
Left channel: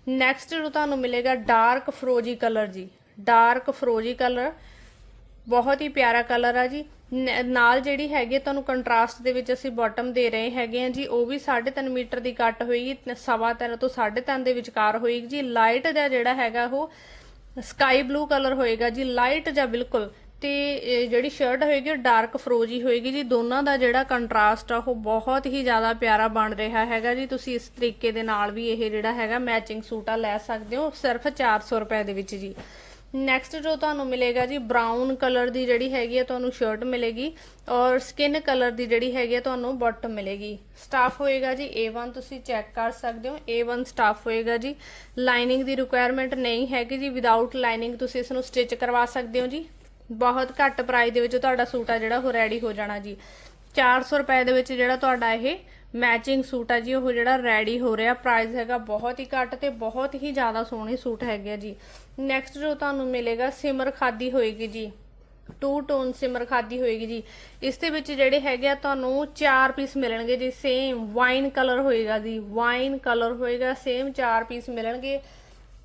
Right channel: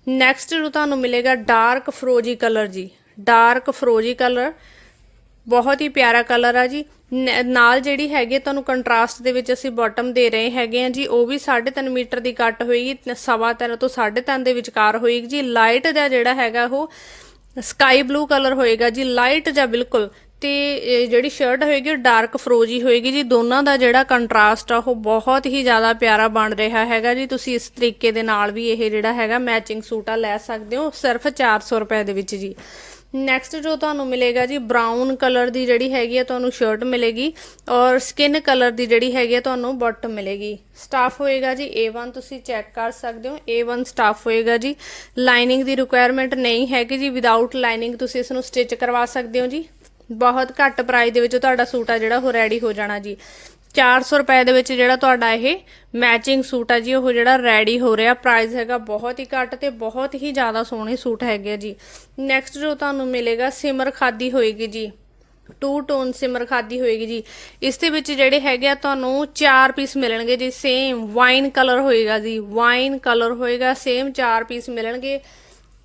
ਨੈਕਸਟ ਜੋ ਤੁਹਾਨੂੰ ਮਿਲੇਗਾ ਡਾਰਕ ਫਰੋਜੀ ਕਲਰ ਜੀ। ਡਾਰਕ ਫਰੋਜੀ ਕਲਰ ਬਹੁਤ ਹੀ ਪਿਆਰਾ ਕਲਰ ਆ ਜੀ। ਨ- ਨਾਲ ਜਿਹੜੀ ਹੈਗੀ ਤੁਹਾਨੂੰ ਕੰਟਰਾਸਟ ਦੇ ਵਿੱਚ ਅਸੀਂ ਬਾਟਮ ਦੇ ਰਹੇ ਹੈਗੇ ਆ ਜੀ, ਉਹ ਵੀ 3.5 ਮੀਟਰ ਦੀ ਕੱਟ ਹੋਏਗੀ ਸਵਾ ਤਿੰਨ ਤੋਂ 3.5 ਦੇ ਵਿਚਕਾਰ ਹੋਏਗੀ ਜੀ। ਲਾਈਟ ਦਾ ਜਿਹੜਾ ਹੈਗਾ ਉਹ ਸਕਾਈ ਬਲੂ ਕਲਰ ਹੋਏਗਾ ਜੀ। ਲਾਈਟ ਜਾਂ ਬਿਲਕੁਲ ਤੇ ਜਿਹੜੀ ਸ਼ਰਟ ਹੋਏਗੀ ਉਹ ਡਾਰਕ ਫਰੋਜੀ ਹੋਏਗੀ ਜੀ। ਦੋਨਾਂ ਦਾ ਜਿਹੜਾ ਕੰਟਰਾਸਟ ਆ, ਉਹ ਬਹੁਤ ਹੀ ਜ਼ਿਆਦਾ ਪਿਆਰਾ ਬਣ ਰਿਹਾ ਹੈਗਾ ਜੀ। ਤੁਸੀਂ ਇਸ ਤਰੀਕੇ ਦੇ ਨਾਲ ਵੀ ਇਹ ਜਿਹੜਾ ਹੈਗਾ ਮੈਚਿੰਗ ਸੂਟ ਆ ਲੈ ਸਕਦੇ ਹੋ, ਸਿਰਫ 400 ਰੁਪਏ ਦੇ ਵਿੱਚ ਜੀ। ਨੈਕਸਟ ਜੋ ਤੁਹਾਨੂੰ ਮਿਲੇਗਾ ਜੀ ਬ੍ਰਾਊਨ ਕਲਰ ਦੀ ਜਿਹੜੀ ਹੈਗੀ ਆ, ਤੁਹਾਨੂੰ ਸ਼ਰਟ ਮਿਲੇਗੀ ਔਰ ਸਕਿਨ ਕਲਰ ਦੀ ਜਿਹੜੀ ਹੈਗੀ ਆ, ਤੁਹਾਨੂੰ ਬਾਟਮ ਮਿਲੇਗੀ। ਸਟਾਫ ਹੋਏਗਾ ਜੀ A1 ਤੁਸੀਂ ਚੈੱਕ ਕਰ ਸਕਦੇ ਹੋ। A1 ਸਟਾਫ ਹੋਏਗਾ ਜੀ। ਲਾਈਨਿੰਗ ਦੀ ਰਿਕੁਆਇਰਮੈਂਟ ਨਹੀਂ ਹੈਗੀ ਜੀ। ਵਿਦਆਊਟ ਲਾਈਨਿੰਗ ਤੁਸੀਂ ਇਸ ਨੂੰ ਸਟਿਚ ਕਰਵਾ ਸਕਦੇ ਹੋ ਜੀ। ਬਹੁਤ ਘੱਟ ਪ੍ਰਾਈਸ ਦੇ ਵਿੱਚ ਤੁਹਾਡਾ ਸੂਟ ਆ ਜਿਹੜਾ, ਉਹ ਰੈਡੀ ਹੋ ਜਾਣਾ ਜੀ। 400 ਰੁਪਏ ਦੇ ਵਿੱਚ ਜਿਹੜਾ ਤੁਹਾਡਾ ਇਹ ਮੈਚਿੰਗ ਸੂਟ ਆ ਜੀ, ਉਹ ਜਿਹੜਾ ਰੈਡੀ ਹੋ ਰਿਹਾ। ਪ੍ਰਾਈਸ ਹੈਗਾ ਬਹੁਤ ਹੀ ਘੱਟ ਤੇ ਬਹੁਤ ਹੀ ਜ਼ਿਆਦਾ ਸੋਹਣੇ ਸੂਟ ਹੈਗੇ ਆ ਜੀ। ਨੈਕਸਟ ਜੋ ਤੁਹਾਨੂੰ ਮਿਲੇਗਾ, ਸਿਮਰ ਖਾਦੀ ਹੋਏਗੀ ਜੀ। ਟੂ ਟੋਨ ਸਿਮਰ ਖਾਦੀ ਹੋਏਗੀ ਜੀ। ਇਸ ਦੇ ਵਿੱਚ ਜਿਹੜੇ ਹੈਗੇ ਆ, ਤੁਹਾਨੂੰ ਚਾਰ ਪੀਸ ਮਿਲਣਗੇ ਜੀ। ਸੇਮ ਵਾਈਨ ਕਲਰ ਹੋਏਗਾ ਜੀ। ਵਾਈਨ ਕਲਰ ਹੋਏਗਾ ਸੇਮ ਚਾਰ ਪੀਸ ਮਿਲਣਗੇ।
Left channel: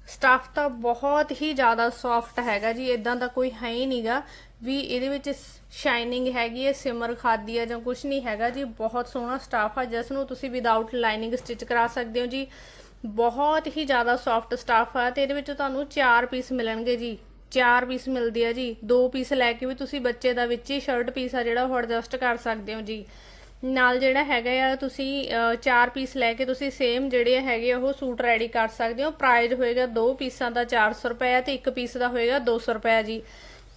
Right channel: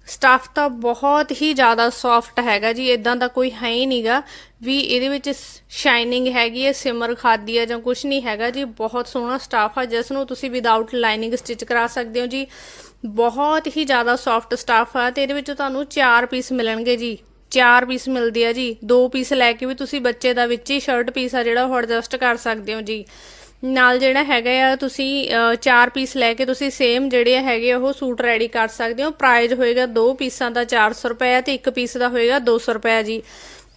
ਸਟਫ ਤਾਂ ਬਹੁਤ ਹੀ ਜ਼ਿਆਦਾ ਸੌਫਟ ਹੈਗਾ ਜੀ ਇਦਾਂ ਦਾ ਕੋਈ ਹੈ ਹੀ ਨਹੀਂਗਾ ਵੀ ਇਹਦੇ ਵਿੱਚ ਸ਼ਾਈਨਿੰਗ ਹੈਗੀ ਹੈ ਸਿਮਰ ਖਾਦੀ ਹੈ ਜਾਂ ਕੁਝ ਨਹੀਂ ਹੈਗਾ ਜੀ, ਬਹੁਤ ਸੋਹਣਾ ਸਟਾਫ ਆ, ਜਿਸ ਨੂੰ ਤੁਸੀਂ ਵਿਦਆਊਟ ਲਾਈਨਿੰਗ ਸਟਿਚ ਕਰਾ ਸਕਦੇ ਹੋ ਜੀ। ਬਹੁਤ ਹੀ ਜ਼ਿਆਦਾ ਸੌਫਟ ਸਟਾਫ ਆ ਤੇ ਇਹਦੇ ਵਿੱਚ ਤੁਹਾਨੂੰ ਚਾਰ ਪੀਸ ਮਿਲਣਗੇ ਜੀ। ਚਾਰ ਪੀਸ ਮਿਲਦੇ ਆ ਜੀ। ਦੋ ਪੀਸ ਲੈ ਕੇ ਵੀ ਤੁਸੀਂ ਬੱਚੇ ਦਾ ਵਿੱਚ ਹੀ ਸ਼ਰਟ ਪੀਸ ਆ ਜਿਹੜਾ ਉਹ ਐਡਜਸਟ ਕਰ ਸਕਦੇ ਹੋ ਜੀ। ਨਾਲ ਜਿਹੜਾ ਹੈਗਾ ਆ ਤੁਸੀਂ ਅਹ, ਚਾਰ ਪੀਸ ਲੈ ਕੇ ਤੁਸੀਂ ਸੇਮ ਜਿਹੜੇ ਹੈਗੇ ਆ ਉਹ ਸੂਟ ਰੈਡੀ ਕਰ ਸਕਦੇ ਹੋ। ਪ੍ਰਾਈਸ ਹੋਏਗਾ ਦੋ ਪੀਸਾਂ ਦਾ 400 ਰੁਪਏ ਤੇ ਇੱਕ ਪੀਸ ਦਾ ਹੋਏਗਾ 200 ਰੁਪਏ ਜੀ।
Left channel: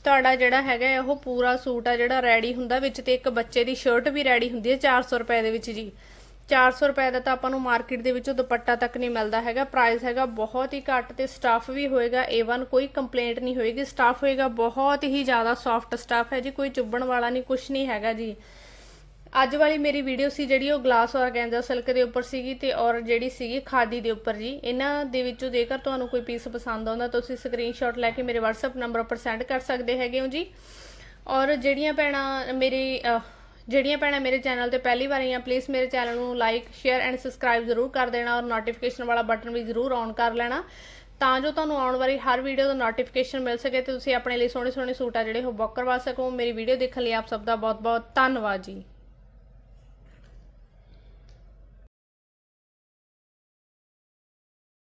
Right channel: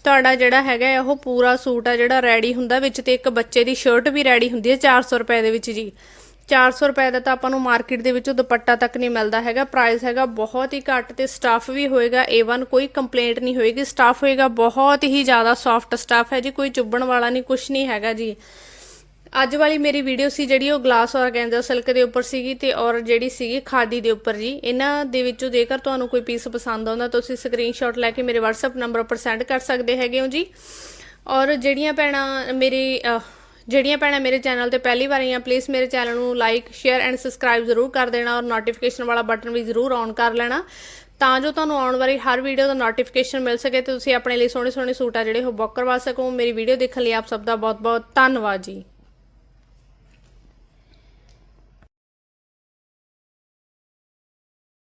ਤੁਹਾਡਾ ਜਿਹੜਾ ਹੈਗਾ ਆ ਉਹ ਪੂਰਾ ਸੂਟ ਆ ਜਿਹੜਾ ਰੈਡੀ ਹੁੰਦਾ ਵਿੱਚ ਤੇ ਇੱਕ ਬੱਚੇ ਦੀ ਸ਼ਰਟ ਵੀ ਰੈਡੀ ਹੁੰਦੀ ਹੈ 400 ਰੁਪਏ ਦੇ ਵਿੱਚ ਜੀ। 400 ਰੁਪਏ ਦਾ ਤਾਂ ਆਪਾਂ ਨੂੰ ਮਾਰਕੀਟ ਦੇ ਵਿੱਚੋਂ ਦੁਪੱਟਾ ਤੱਕ ਨਹੀਂ ਮਿਲਦਾ ਹੈਗਾ। ਪ੍ਰਾਈਸ ਹੈਗਾ ਬਹੁਤ ਹੀ ਘੱਟ ਤੇ ਸਟਾਫ ਵੀ ਹੋਏਗਾ। A1 ਕੋਈ ਕੰਪਲੇਂਟ ਨਹੀਂ ਹੋਏਗੀ। ਸਟਾਫ ਹੋਏਗਾ ਬਹੁਤ ਹੀ ਜ਼ਿਆਦਾ ਸੌਫਟ ਸਟਾਫ ਹੈ ਜੀ। ਕੋਈ ਚੁੱਭਣ ਵਾਲਾ ਨਹੀਂ ਕੁਝ ਨਹੀਂ ਹੈਗਾ ਜੀ। ਅੱਜ ਵਾਲੀ ਮੇਰੀ ਵੀਡੀਓ ਸੀ ਜਿਹੜੀ ਉਹ ਗਲਾਸ ਔਰਗੈਂਜ਼ਾ ਸਿਲਕ ਦੇ ਉੱਪਰ ਸੀਗੀ ਤੇ ਔਰ ਜਿਹੜੀ ਸੀਗੀ ਖਾਦੀ ਦੇ ਉੱਪਰ ਜੀ। ਇਹਨਾਂ ਦੇ ਵਿੱਚੋਂ ਜੇਕਰ ਤੁਹਾਨੂੰ ਕੋਈ ਪੀਸ ਪਸੰਦ ਆਉਂਦਾ ਤੁਸੀਂ ਸਕਰੀਨਸ਼ਾਟ ਲੈ ਕੇ ਮੇਰੇ WhatsApp ਨੰਬਰ ਉੱਪਰ ਸੈਂਡ ਕਰ ਸਕਦੇ ਹੈਗੇ ਹੋ ਜੀ। ਔਰ ਜਿਹੜੀਆਂ ਭੈਣਾਂ ਮੇਰੀ ਜਿਹੜੀਆਂ ਭੈਣਾਂ ਮੇਰੇ ਚੈਨਲ ਤੇ ਪਹਿਲੀ ਵਾਰ ਆਈਆਂ ਪਲੀਜ਼ ਮੇਰੇ ਚੈਨਲ ਨੂੰ ਲਾਈਕ ਸ਼ੇਅਰ ਐਂਡ ਸਬਸਕ੍ਰਾਈਬ ਜ਼ਰੂਰ ਕਰ ਦੇਣਾ ਔਰ ਨੋਟੀਫਿਕੇਸ਼ਨ ਵਾਲਾ ਬਟਨ ਵੀ ਜ਼ਰੂਰ ਔਨ ਕਰ ਲੈਣਾ। ਤਾਂ ਜੋ ਤੁਹਾਨੂੰ ਆਉਣ ਵਾਲੀ ਹਰ ਵੀਡੀਓ ਦਾ ਨੋਟੀਫਿਕੇਸ਼ਨ ਮਿਲ ਸਕੇ ਤੇ ਤੁਸੀਂ ਆਪਣੇ ਲਈ ਸੋਹਣੇ ਸੋਹਣੇ ਸੂਟ ਆ ਜਿਹੜੇ ਉਹ ਬੁੱਕ ਕਰਵਾ ਸਕੋ। ਮੇਰੀ ਵੀਡੀਓ ਦੇਖਣ ਲਈ ਆਪ ਸਭ ਦਾ ਬਹੁਤ ਬਹੁਤ ਧੰਨਵਾਦ ਜੀ।